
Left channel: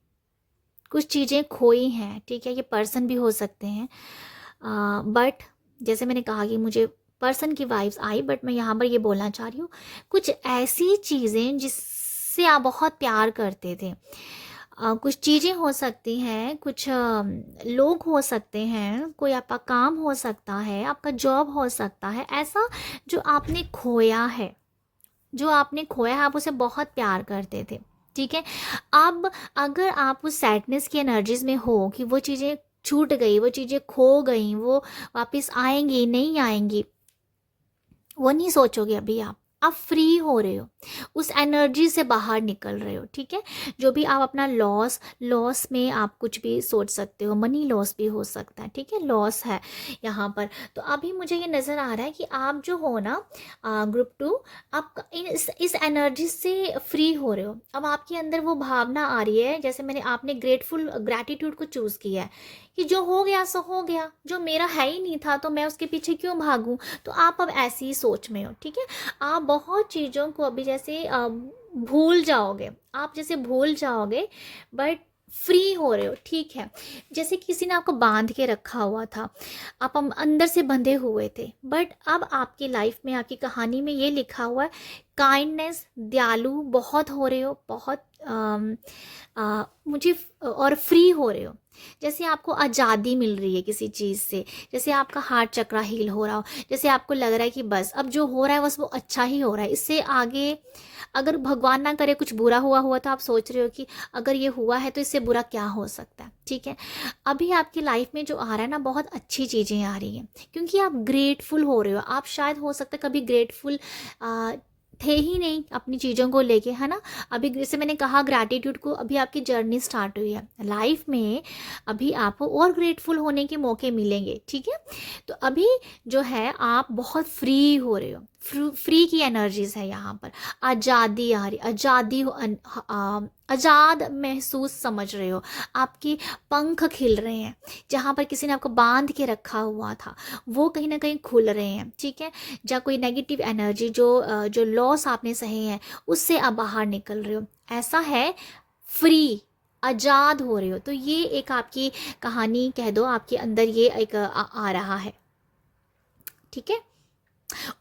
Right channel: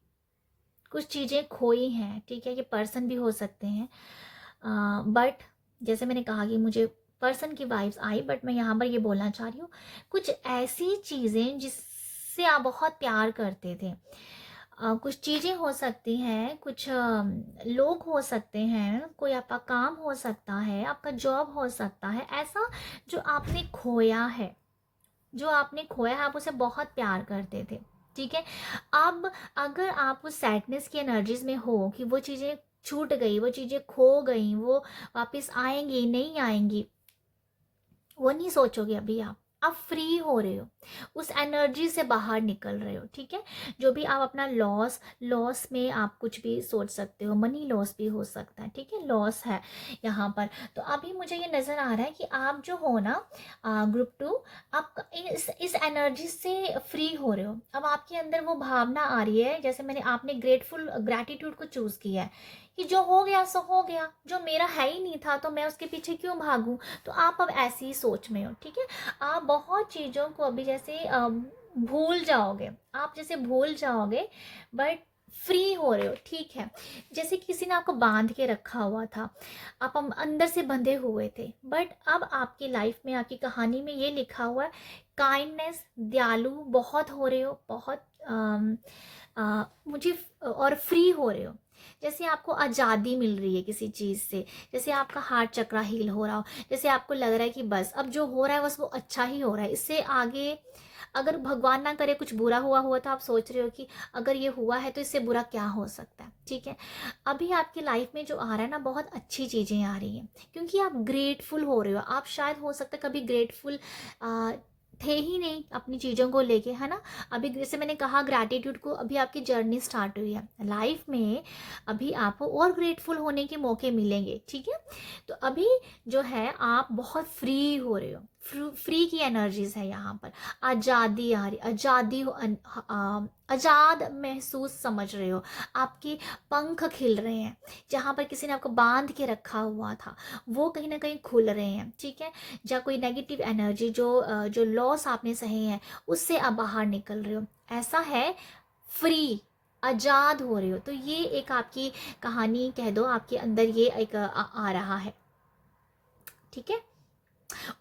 कुछ चीज़ें खोई हैं, ठीक है। ये पर्सन भी हो सकते हैं बट जैसे मैंने कहा कि मुझे पर्सन की वाइब्स आई, बट मैं यहाँ पर ये बोलना चाह रही हूँ कुछ ऐसी चीज़ें जिससे आप बहुत प्यार करते थे। कुछ चीज़ें हो सकती हैं, कुछ लोग हो सकते हैं, कोई आपका काम हो सकता है, आपका जॉब हो सकता है, ऐसा जो आपने खोया है, जो आपने खोया है। आप उसे बहुत प्यार करते थे, ठीक है। अब अगर आप उस सैडनेस की एनर्जीज में हो कि वो चीज़ें छूट गई, वो चीज़ें खो गई, वो वापस आएंगी नहीं आएंगी, वो नहीं सोचोगे अभी। आप फ्री हो रहे हो, उस एनर्जी से बाहर निकल रहे हो, ठीक है। जो भी आप अपना लॉस में आप कुछ भी सोच सकते हो, मनी लॉस भी हो सकता है, ठीक है, लॉस है यहाँ पर। तो अभी मुझे ये नज़र आ रहा है कि आप जो हो ना ग्रुप 2, आप इस एनर्जी से फ्री हो रहे हो। अब आपके अंदर वो भावना आ रही है, जैसे आपने ग्रैटिट्यूड को चूज़ किया है कि जो हो गया सो हो गया, जो मेरा है ही नहीं था तो मैं उसके पीछे क्यों भागूं। तो आप अब ऐसी ही सोच में हो, ठीक है। आप बहुत चीज़ों को अभी जैसे भूल जाओगे, आप जैसे भूल जाओगे बट फ्री हो रहे हो, ठीक है। जैसे किसी ने आपको बांध के रखा हुआ था, आप अंदर से बंधे हुए थे, बट अब आपकी लाइफ में, आपकी कहानी में ये लिखा हुआ है काइंडनेस, दयालु बहुत हो रहे हो, बहुत मुझे और फ्री हो रहे हो। जैसे आपको आज़ादी मिल रही है किसी चीज़ से, जैसे आपका हार्ट चक्रा हील हो रहा हो, जैसे आपको लग रहा है कि बस अब जो हो रहा है बस वो अच्छा ही हो रहा है, इससे आगे अगर भगवान ना करे कुछ बुरा हुआ हुआ तो आप सोच रहे हो कि अगर ये हुआ है तो इससे बुरा क्या हो सकता है, ठीक है। अभी आपकी लाइफ में जो आ रहा है ना बहुत अच्छी चीज़ें आ रही हैं क्योंकि आप ग्रेटफुल हो रहे हो। आप शायद हो सकता है कभी ग्रेटफुल थे ही नहीं अपनी चीज़ों को लेके, है ना। अभी जैसे मैंने कहा ग्रैटिट्यूड को, अभी आपकी जर्नी स्टार्ट हुई है लाइफ में, अभी आपको और ग्रेटफुल होने के मौके मिलेंगे, ठीक है। तो अभी जो है आप बहुत फ्री हो रहे हो, फ्री की एनर्जीज है यहाँ पर। आज़ादी आ रही, आज़ादी आज़ाद महसूस समझ रहे हो, आपके पंख खिल रहे हैं। जहाँ पर किसी ने आपको बांध के रखा हुआ था वो कहीं ना कहीं खुल रहे हैं, ठीक है। जहाँ कोई नेगेटिव एनर्जी जो लॉस आपने सहे हैं उससे आप बाहर निकल रहे हो, ऐसा है। फ्री, आज़ाद हो रहे हो। तो ये एक आपकी कहानी कह दो, आपके अंदर ये एक आ रहा है, ठीक है।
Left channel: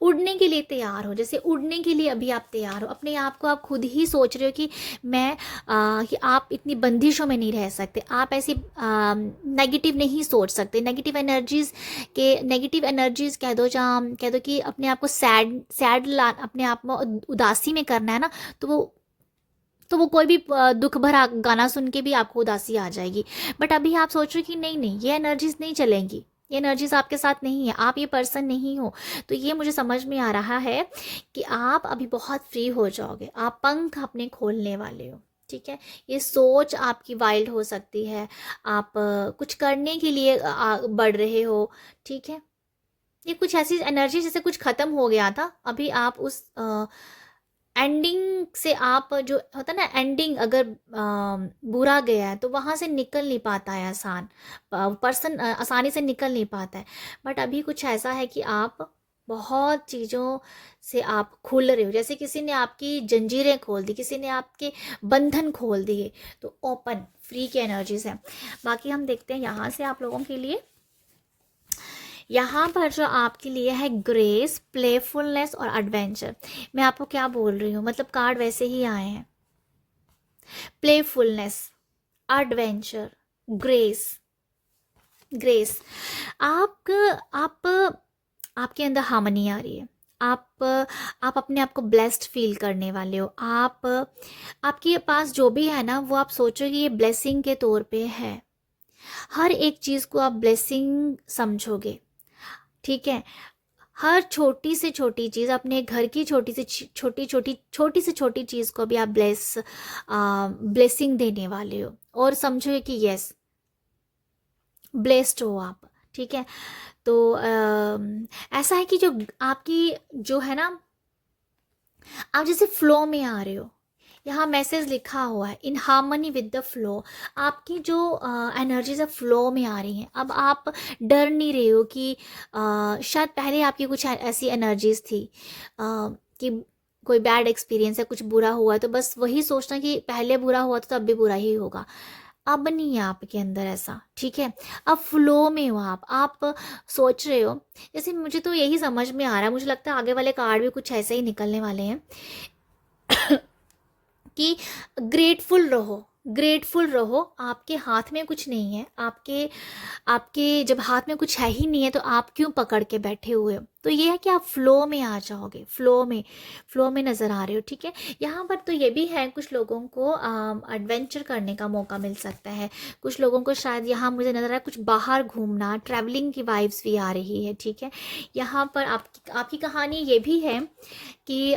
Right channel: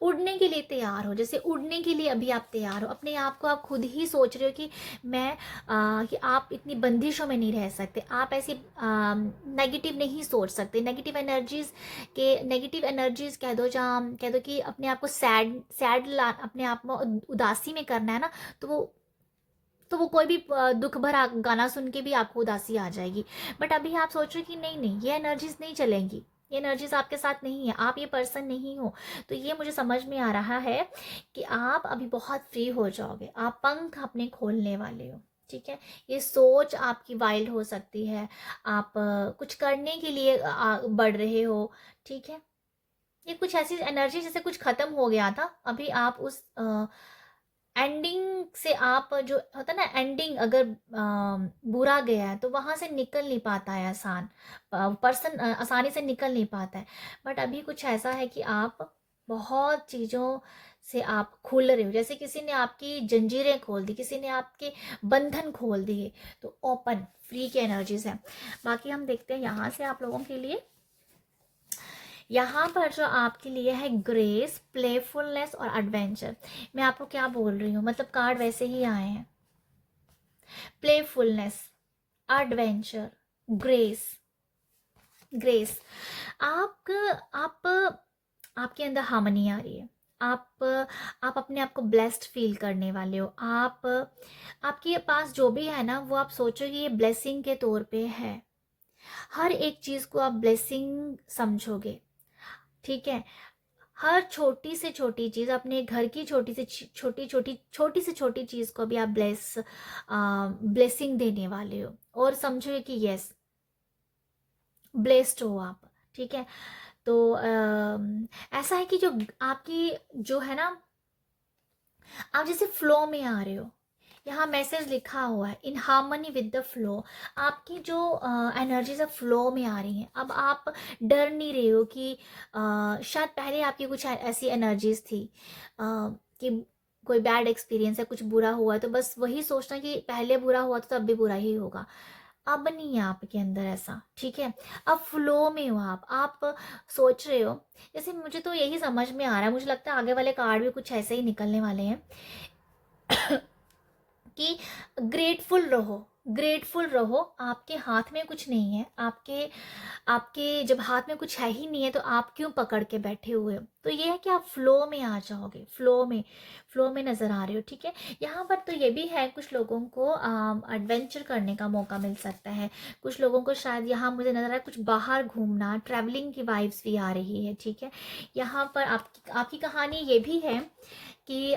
उड़ने के लिए तैयार हो, जैसे उड़ने के लिए अभी आप तैयार हो, अपने आप को आप खुद ही सोच रहे हो कि मैं कि आप इतनी बंदिशों में नहीं रह सकते, आप ऐसी नेगेटिव नहीं सोच सकते, नेगेटिव एनर्जीज कह दो, जहाँ कह दो कि अपने आप को सैड सैड ला अपने आप में उदासी में करना है ना, तो वो कोई भी दुख भरा गाना सुन के भी आपको उदासी आ जाएगी। बट अभी आप सोच रहे हो कि नहीं नहीं, ये एनर्जीज नहीं चलेंगी, ये एनर्जीज आपके साथ नहीं है, आप ये पर्सन नहीं हो। तो ये मुझे समझ में आ रहा है कि आप अभी बहुत फ्री हो जाओगे, आप पंख अपने खोलने वाले हो, ठीक है। ये सोच आपकी वाइल्ड हो सकती है, आप कुछ करने के लिए बढ़ रहे हो, ठीक है। ये कुछ ऐसी एनर्जी जैसे कुछ खत्म हो गया था, अभी आप उस एंडिंग से, आप जो होता है ना एंडिंग, अगर बुरा गया है तो वहाँ से निकल नहीं पाता है पर्सन आसानी से निकल नहीं पाता है। बट अभी कुछ ऐसा है कि आप बहुत चीज़ों से आप खुल रहे हो, जैसे किसी ने आपकी जंजीरें खोल दी, किसी ने आपके बंधन खोल दिए, तो ओपन फ्री की एनर्जीज है। बाकी हम देखते हैं यहाँ से आप लोगों के लिए, यहाँ पर जो आपके लिए है ग्रेस, प्लेफुलनेस और एडवेंचर। मैं आपको क्या बोल रही हूँ, मतलब कार्ड वैसे ही आए हैं, प्लेफुलनेस, एडवेंचर, ग्रेस। ग्रेस, आप आपके अंदर हार्मनी आ रही है, आप अपने आप को ब्लेस्ड फील करने वाले हो, आपके पास जो भी है ना, वो आप सोचो कि ये ब्लेसिंग के तौर पे है, हर एक चीज़ को आप ब्लेसिंग समझोगे, ठीक है। हर छोटी से छोटी चीज़, अपने घर की छोटी से छोटी चीज़ को भी आप ब्लेसिंग देने वाले हो, और समझो कि यस ब्लेस्ड हो आप, ठीक है। तो ऐसा है कि जो आपकी जो है ना, आप जैसे फ्लो में आ रहे हो, यहाँ मैसेज लिखा हुआ है in harmony with the flow. आपकी जो एनर्जीज है फ्लो में आ रही हैं, अब आप डर नहीं रहे हो कि शायद पहले आपकी कुछ ऐसी एनर्जीज थी कि कोई बैड एक्सपीरियंस है, कुछ बुरा हुआ है, तो बस वही सोचना कि पहले बुरा हुआ तो तब भी बुरा ही होगा। अब नहीं है आपके अंदर ऐसा, ठीक है। अब फ्लो में हो आप सोच रहे हो, जैसे मुझे तो यही समझ में आ रहा है, मुझे लगता है आगे वाले कार्ड भी कुछ ऐसे ही निकलने वाले हैं कि ग्रेटफुल रहो, ग्रेटफुल रहो, आपके हाथ में कुछ नहीं है, आपके आपके जब हाथ में कुछ है ही नहीं है तो आप क्यों पकड़ के बैठे हुए हो। तो ये है कि आप फ्लो में आ जाओगे, फ्लो में नज़र आ रहे हो, ठीक है। यहाँ पर तो ये भी है, कुछ लोगों को एडवेंचर करने का मौका मिल सकता है, कुछ लोगों को शायद यहाँ मुझे नज़र आ रहा है कुछ बाहर घूमना, ट्रैवलिंग की वाइब्स भी आ रही है, ठीक है। यहाँ पर आपकी कहानी ये भी है कि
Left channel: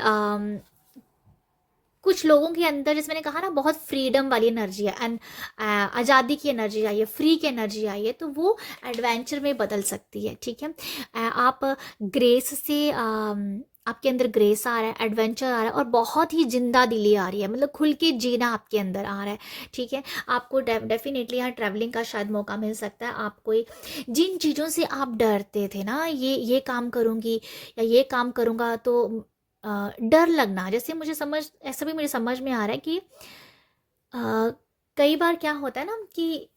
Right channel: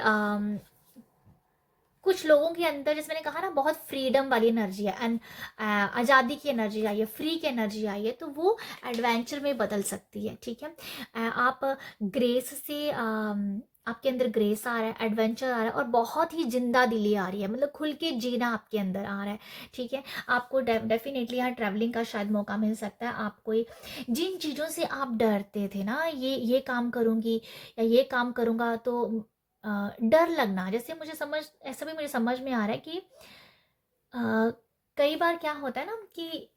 कुछ लोगों के अंदर, जैसे मैंने कहा ना, बहुत फ्रीडम वाली एनर्जी है एंड आज़ादी की एनर्जी आई है, फ्री की एनर्जी आई है, तो वो एडवेंचर में बदल सकती है, ठीक है। आप ग्रेस से आपके अंदर ग्रेस आ रहा है, एडवेंचर आ रहा है, और बहुत ही जिंदा दिली आ रही है, मतलब खुल के जीना आपके अंदर आ रहा है, ठीक है। आपको डेफिनेटली यहाँ ट्रैवलिंग का शायद मौका मिल सकता है। आप कोई जिन चीज़ों से आप डरते थे ना, ये काम करूँगी या ये काम करूँगा तो डर लगना, जैसे ऐसा भी मुझे समझ में आ रहा है कि कई बार क्या होता है ना कि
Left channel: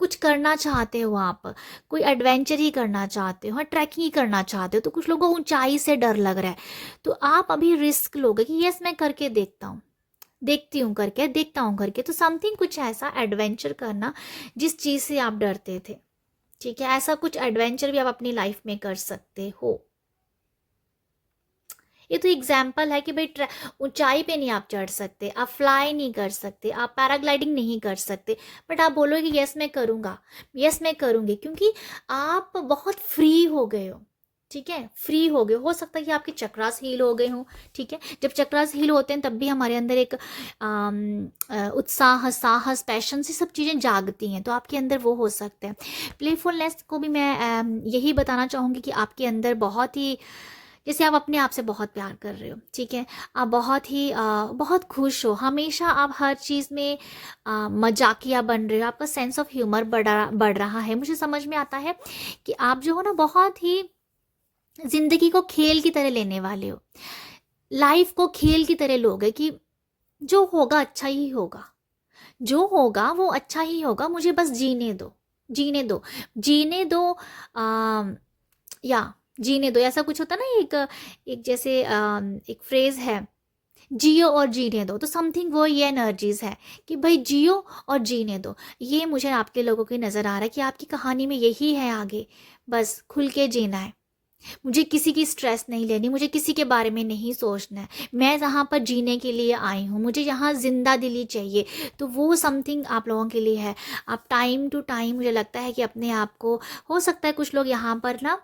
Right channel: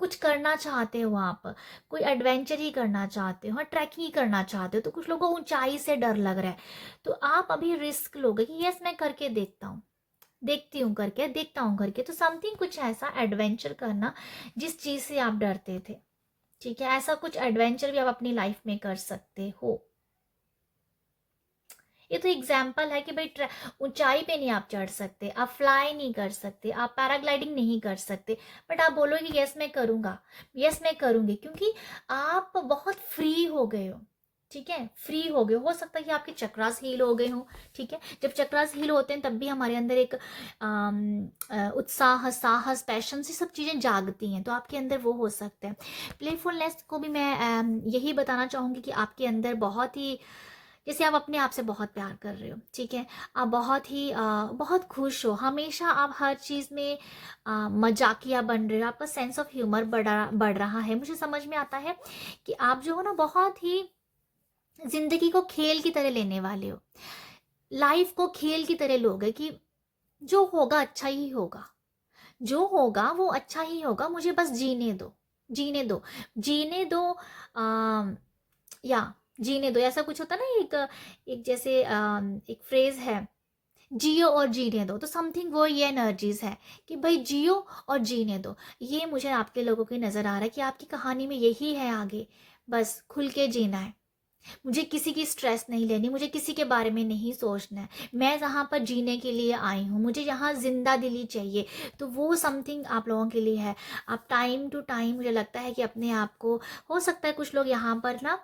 कुछ करना चाहते हो आप, कोई एडवेंचर ही करना चाहते हो, हाँ ट्रैकिंग ही करना चाहते हो, तो कुछ लोगों को ऊंचाई से डर लग रहा है, तो आप अभी रिस्क लोगे कि यस मैं करके देखता हूँ करके, तो समथिंग कुछ ऐसा एडवेंचर करना जिस चीज़ से आप डरते थे, ठीक है। ऐसा कुछ एडवेंचर भी आप अपनी लाइफ में कर सकते हो। ये तो एग्जाम्पल है कि भाई ऊंचाई पे नहीं आप चढ़ सकते, आप फ्लाई नहीं कर सकते, आप पैराग्लाइडिंग नहीं कर सकते, बट आप बोलोगे यस मैं करूँगा, यस मैं करूँगी, क्योंकि आप बहुत फ्री हो गए हो, ठीक है। फ्री हो गए, हो सकता है कि आपके चक्रास हील हो गए हों, ठीक है। जब चक्रास हील होते हैं तब भी हमारे अंदर एक उत्साह, साहस, पैशन से सब चीज़ें जागती हैं, तो आपके अंदर वो हो सकते हैं। प्लेफुलनेस को भी मैं यही बताना चाहूँगी कि आपके अंदर बहुत ही, जैसे आप अपने आप से बहुत प्यार कर रहे हो, ठीक है, आप बहुत खुश हो, हमेशा आप हर चीज़ में मजाकिया बन रहे हो, आपका सेंस ऑफ ह्यूमर बढ़ रहा है। मुझे समझ में आता है कि आप जो हो ना, बहुत ही जिंदगी को खेल की तरह लेने वाले हो, लाइफ को खेल की तरह लोगे कि जो होगा अच्छा ही होगा, जो होगा वो अच्छा ही होगा, मुझे बस जीने दो, जीने दो, जीने दो, या जीने दो, ऐसा कुछ होता है ना, एक एक जैसे एक फ्रेज है, जियो और जीने दो। तो समथिंग वो ये एनर्जीज है कि भाई जियो और जीने दो। ये मुझे आपके लोगों की नज़र आ रहा है कि आपकी कहानी में यही है आगे, बस खुल के जीना है। मुझे किसी की स्ट्रेस नहीं लेनी, मुझे किसी के बारे में नहीं सोचना है, मैं यहाँ पर जीने के लिए आई हूँ, मुझे यहाँ जिंदा दिली चाहिए। तो वो समथिंग आप लोगों के लिए है। आप टाइम टू टाइम, मुझे लगता है कि अपने आप को, हो सकता है कुछ लोग यहाँ पर ना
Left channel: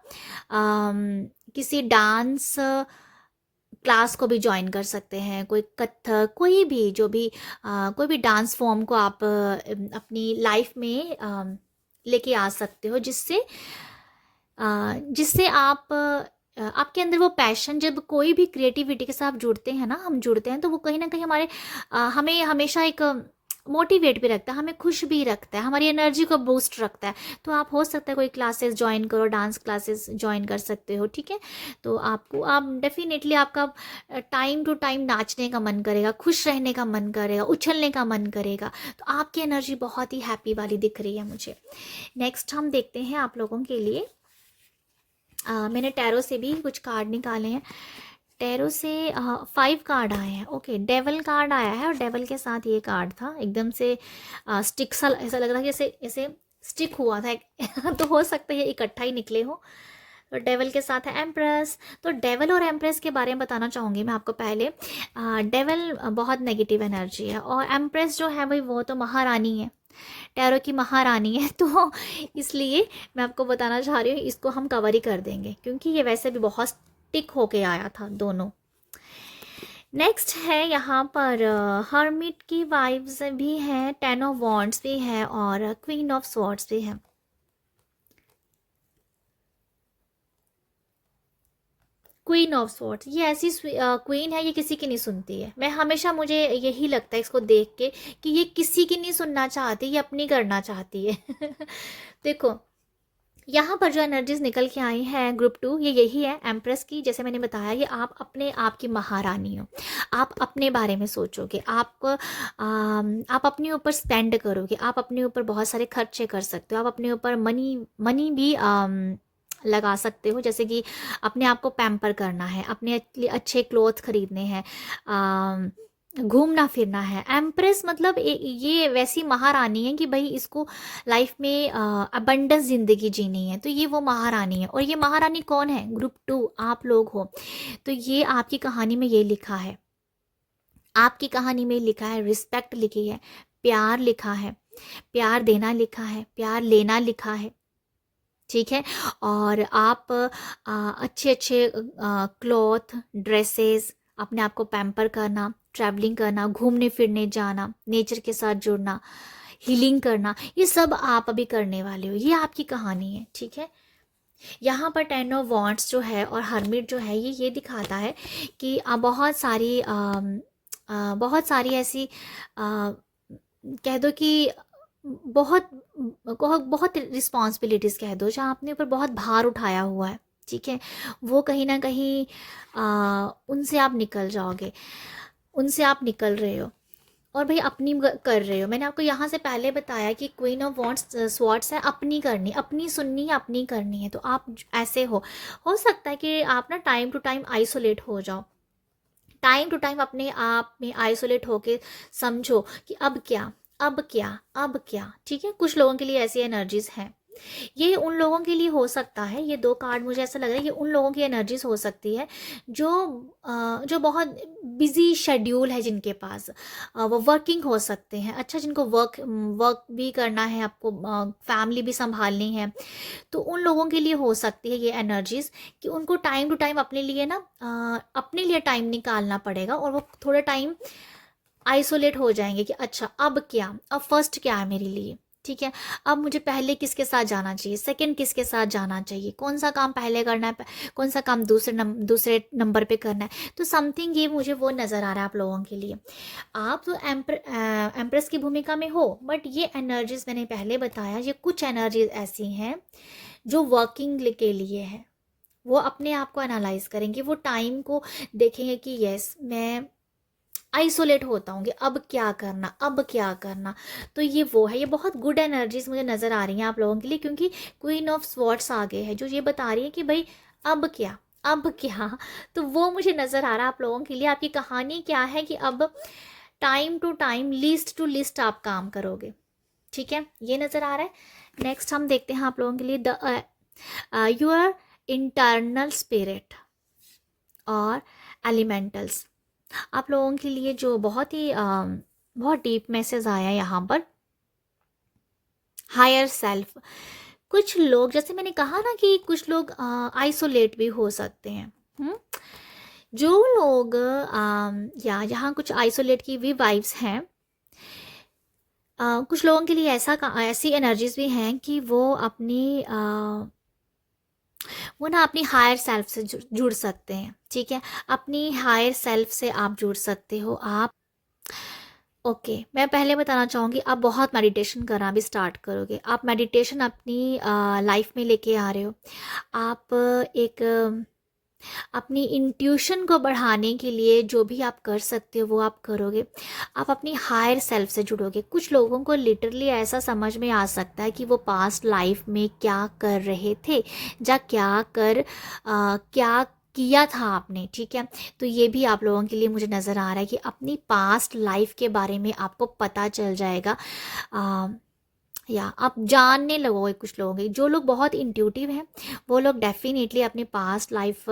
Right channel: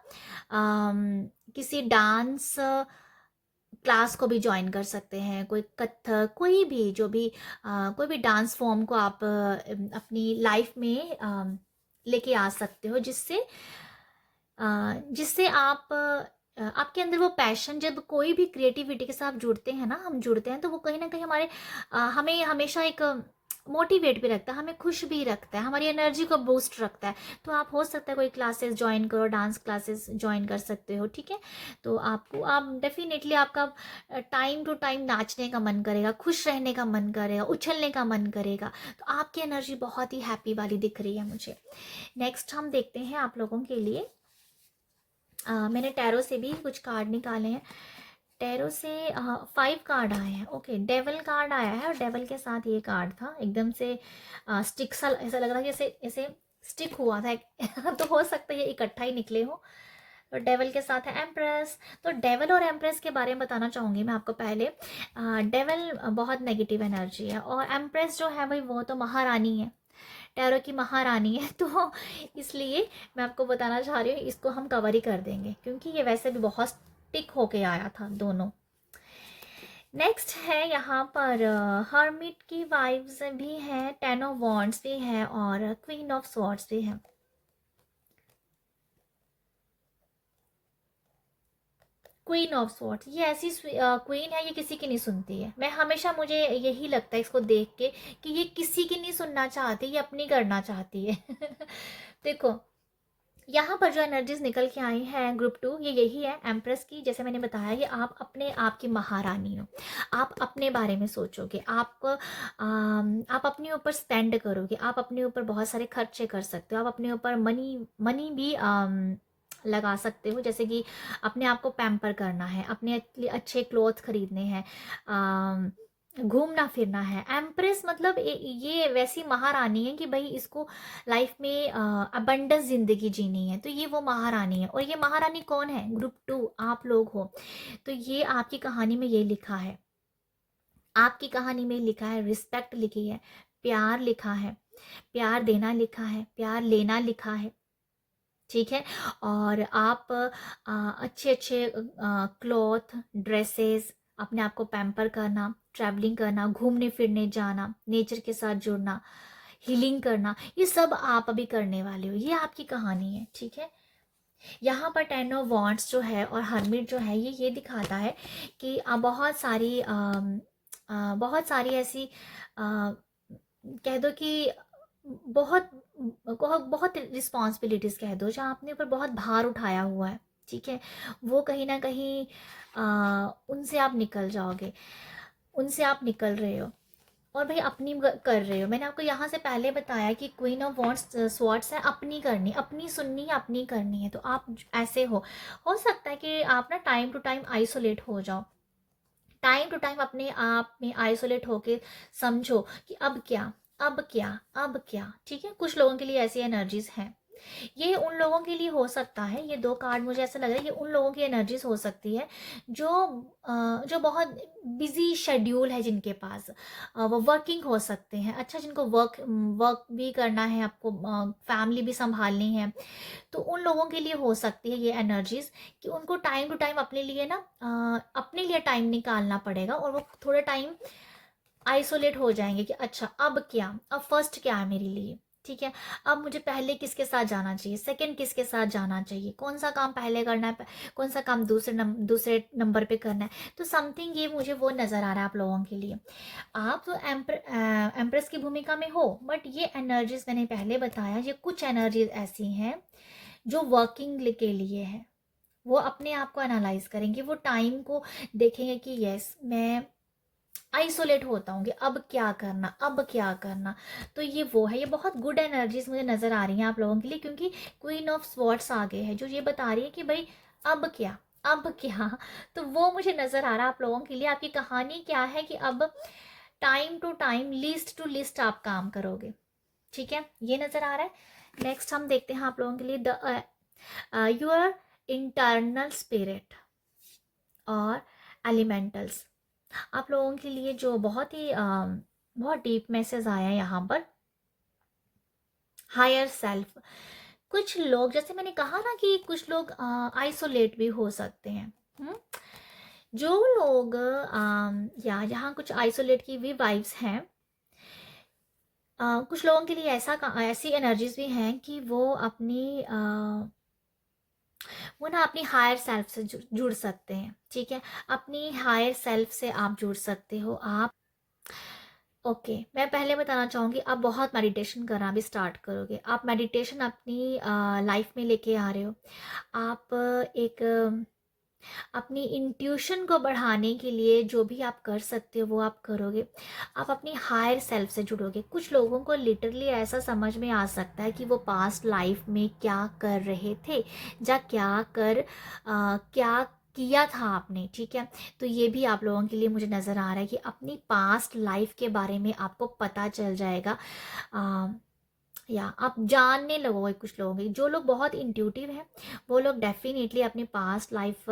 किसी डांस क्लास को भी ज्वाइन कर सकते हैं, कोई कथक, कोई भी जो भी कोई भी डांस फॉर्म को आप अपनी लाइफ में लेके आ सकते हो, जिससे जिससे आप आपके अंदर वो पैशन, जब कोई भी क्रिएटिविटी के साथ जुड़ते हैं ना, हम जुड़ते हैं, तो वो कहीं ना कहीं हमारे हमें हमेशा एक मोटिवेट भी रखता है, हमें खुश भी रखता है, हमारी एनर्जी को बूस्ट रखता है। तो आप हो सकता है कोई क्लासेस ज्वाइन करो, डांस क्लासेस ज्वाइन कर सकते हो, ठीक है। तो आपको, आप डेफिनेटली आपका टाइम टू टाइम नाचने का मन करेगा, खुश रहने का मन करेगा, उछलने का मन करेगा। तो आपकी एनर्जी बहुत ही हैप्पी वाली दिख रही है मुझे। नेक्स्ट हम देखते हैं आप लोगों के लिए, मैंने टैरो से भी कुछ कार्ड निकाले हैं। टैरो से 5 कार्ड आए हैं। ओके, डेवल कार्ड आया है और डेवल के साथ ये कार्ड था, एकदम से स्टिक सा ऐसा लग रहा है, जैसे ऐसे स्टिक हुआ था तो हो सकता है इकट्ठा ही निकले हो। तो डेवल के साथ है एम्प्रेस। तो डेवल और एम्प्रेस के बारे में बताना चाहूँगी मैं आपको पहले। डेवल बहुत नेगेटिव एनर्जी है, और एम्प्रेस जो है भाई वो तो महारानी है, टैरो की महारानी है। तो इसलिए मैं आपको बताना चाह रही हूँ, इसको हम कवर ही कर देंगे क्योंकि ये वैसे भी बहुत स्टिक होके आया था दोनों। नेक्स्ट है यहाँ पर हर्मिट की वाइब्स भी हैं, 10 ऑफ वॉन्ड्स भी है और क्वीन ऑफ स्वॉर्ड्स भी है। क्वीन ऑफ स्वॉर्ड्स, ये ऐसी क्वीन है, ये किसी की नहीं सुनती है। मैं हमेशा, मुझे यही लगता है इसको देख के कि ये किसी की नहीं सुनना चाहती, ये अपनी करना चाहती है देखो, यहाँ पर जो एनर्जीज निकल के आई हैं ग्रुप 2, ये यही है एम्प्रेस की। जैसे मैंने बताया, ये आप अपने आप की महारानी हो, आप अपने बारे में सोचोगे, आप अपने ऊपर स्पेंड करोगे, आप अपने ऊपर बहुत सारे खर्चे कर सकते हो, आप अपने ऊपर मनी मनी भी लगा सकते हो, जैसे कि अपने आप को पैम्पर करना है, अपने लिए अच्छे क्लोथ खरीदने हैं, घूमना फिरना है। एम्प्रेस मतलब ये वैसी महारानी है कि भाई इसको लाइफ में अबंडेंस जिंदगी जीनी है, तो ये वो महारानी है। और ये महारानी कौन है? ग्रुप 2 आप लोग हो। तो ये आपकी कहानी में ये लिखा है, आपकी कहानी में लिखा है, रिस्पेक्ट लिखी है, प्यार लिखा है, प्यार देना लिखा है, प्यार लेना लिखा है, ठीक है। और आप अच्छे अच्छे क्लॉथ, ड्रेसेस, अपने आप को पैम्पर करना, ट्रैवलिंग करना, घूमने फिरने जाना, नेचर के साथ जुड़ना, हीलिंग करना, ये सब आप अभी करने वाले हो। ये आपकी कहानी है, ठीक है। यहाँ पर 10 ऑफ वॉन्ड्स जो है और हर्मिट जो है, ये दिखाता है कि बहुत सारी ऐसी कह दो कि बहुत बहुत रिस्पॉन्सिबिलिटीज़ कह दो, जहाँ अपने ऊपर बहुत भार उठाया हुआ है, ठीक है। वो कहीं ना कहीं उनसे आप निकल जाओगे, उनसे आप निकल रहे हो और भाई अपनी कर रहे हो। मैंने आपको यहाँ से पहले बताया कि क्वीन ऑफ वॉन्ड्स स्वॉर्ड्स है, अपनी करनी, अपनी सुननी, अपनी करनी है। तो आप ऐसे हो सकता है कि आप ना टाइम टू टाइम आइसोलेट हो जाओ, टाइम टू टाइम अपने आप में आइसोलेट होके समझो कि अब क्या, अब क्या, अब क्या, ठीक है। कुछ लोगों के लिए ऐसी एनर्जीज हैं, ये उन लोगों के लिए हो सकता है, ये 2 कार्ड मुझे ऐसा लग रहा है, ये उन लोगों की एनर्जीज हो सकती है जो जो बहुत बिजी शेड्यूल है, जिनके पास वो वर्किंग हो सकते हैं, अच्छा, जिनको वर्क भी करना है, आपको फैमिली भी संभालनी है। तो उन लोगों के लिए हो सकती है ये एनर्जीज कि उनको टाइम टू टाइम अपने लिए ना अपने लिए टाइम निकालना पड़ेगा, और वो थोड़ा टाइम आइसोलेट हो जाएंगे कि अच्छा अब क्या, अब फर्स्ट क्या है मेरे लिए, ठीक है। अब मुझे पहले किसके साथ जाना चाहिए, सेकंड किसके साथ जाना चाहिए, कौन सा काम पहले करना है, कौन सा काम दूसरे नंबर पे करना है। तो समथिंग ये मुझे वो नज़र आ रहा है आप लोगों के लिए। आप तो एम्प्रेस की भूमिका में हो, बट ये एनर्जीज मैंने पहले बताया, ये कुछ एनर्जीज ऐसी हैं जो वर्किंग के लिए है। वो अपने आप को एनालाइज करेंगे, वो टाइम को देखेंगे कि यस, मैं आइसोलेट होता हूँ कि अब क्या करना, अब क्या करना। तो ये वो है, ये बहुत गुड एनर्जीज मुझे नज़र आ रही हैं आप लोगों के लिए, क्योंकि क्वीन ऑफ स्वॉर्ड्स आगे है, जो ये बता रही है कि भाई अब क्या, अब क्या। तो वो मुझे नज़र आ रहा है आप लोगों के लिए। आपकी कहानी क्या है कि अब time to time, list to list आप काम करोगे, ठीक है, ये नज़र आ रहा है। नेक्स्ट हम देखते हैं आप लोगों के लिए द योर इंटरनल स्पिरिट और एलिमेंटल्स। आप लोगों के लिए जो बहुत ही बहुत डीप मैसेज आया है यहाँ पर, हायर सेल्फ। कुछ लोग, जैसे मैंने कहा ना कि कुछ लोग आइसोलेट भी हो सकते हैं। हम्म? जो लोग या यहाँ कुछ आइसोलेट की भी वाइब्स हैं। कुछ लोगों के लिए ऐसी एनर्जीज भी हैं कि वो ना अपनी हायर सेल्फ से जुड़ सकते हैं, ठीक है। अपनी हायर सेल्फ से आप जुड़ सकते हो। आप ओके मैं पहले बताना चाहूँगी, आप बहुत मेडिटेशन करना भी स्टार्ट करोगे। आप मेडिटेशन अपनी लाइफ में लेके आ रहे हो। आप एक अपनी इंट्यूशन को बढ़ाने के लिए जो भी आप कर सकते हो वो आप करोगे। आप अपनी हायर सेल्फ से जुड़ोगे। कुछ लोगों को लिटरली ऐसा समझ में आ सकता है कि वो पास्ट लाइफ में क्या कर रहे थे, या क्या किया था आपने, ठीक है। तो ये भी आप लोगों के लिए मुझे नज़र आ रहा है कि अपनी पास्ट लाइफ के बारे में आपको पता चल जाएगा। या आप जानने लगोगे। कुछ लोग हैं, जो लोग बहुत इंट्यूटिव हैं, वो लोग डेफिनेटली अपने पास्ट लाइफ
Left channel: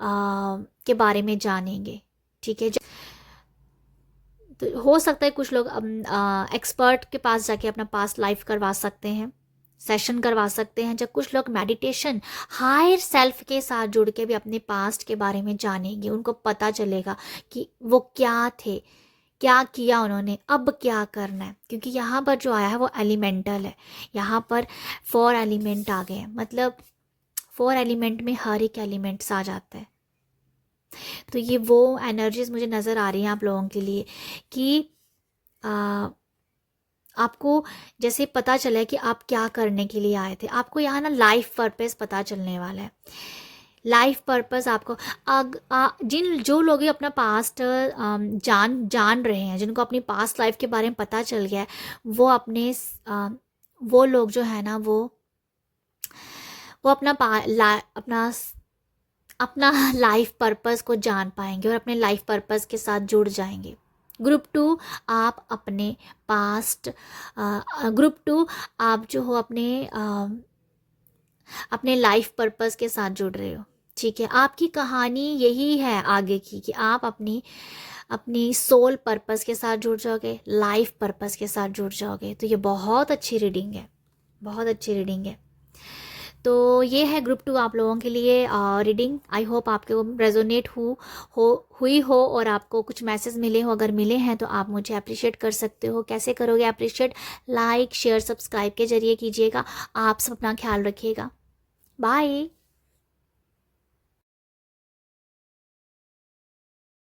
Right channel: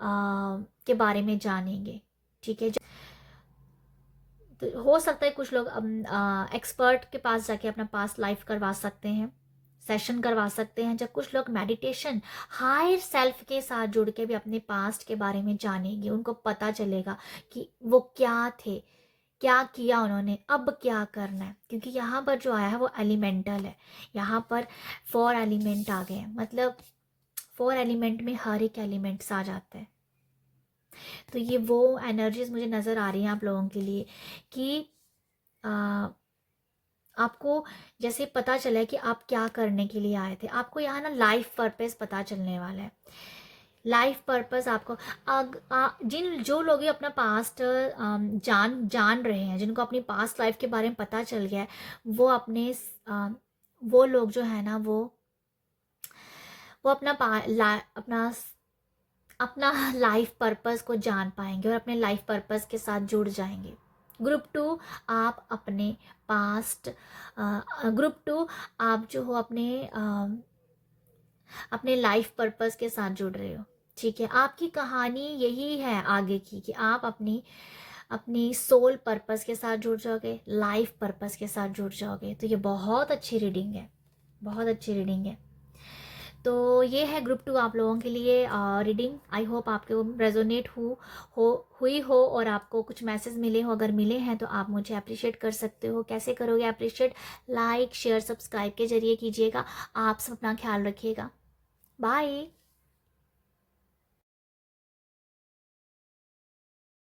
के बारे में जानेंगे, ठीक है। तो हो सकता है कुछ लोग एक्सपर्ट के पास जाके अपना पास्ट लाइफ करवा सकते हैं, सेशन करवा सकते हैं। जब कुछ लोग मेडिटेशन हायर सेल्फ के साथ जुड़ के भी अपने पास्ट के बारे में जानेंगे, उनको पता चलेगा कि वो क्या थे, क्या किया उन्होंने, अब क्या करना है। क्योंकि यहाँ पर जो आया है वो एलिमेंटल है। यहाँ पर 4 एलिमेंट आ गए हैं, मतलब 4 एलिमेंट में हर एक एलिमेंट्स आ जाता है। तो ये वो एनर्जीज मुझे नज़र आ रही हैं आप लोगों के लिए कि आ, आपको जैसे पता चला है कि आप क्या करने के लिए आए थे। आपको यहाँ ना लाइफ पर्पस पता चलने वाला है। लाइफ पर्पस आपको जिन जो लोग ये अपना पास्ट जान जान रहे हैं, जिनको अपनी पास्ट लाइफ के बारे में पता चल गया है, वो वो लोग जो है ना वो अपना लाइफ पर्पस को जान पाएंगे और अपने लाइफ पर्पस के साथ जुड़ जाएंगे। ग्रुप 2 आप अपने पास्ट ग्रुप 2 आप जो हो अपने लाइफ पर्पस के साथ जुड़ रहे हो, ठीक है। आपकी कहानी यही है आगे की कि आप अपनी सोल पर्पस के साथ जुड़ जाओगे, लाइफ पर्पस के साथ जुड़ जाओगे। तो ये बहुत अच्छी रीडिंग है, बहुत अच्छी रीडिंग है। तो ये है ग्रुप 2 आप लोगों के लिए रीडिंग। आई होप आपको रेजोनेट हुई हो और आपको कुछ मैसेज मिले हो। अगर मिले हैं तो आप मुझे अप्रिशिएट कर सकते हो। कैसे करोगे अप्रिशिएट? लाइक शेयर सब्सक्राइब के जरिए कीजिएगा। आप सब अपना ख्याल रखिएगा। बाय।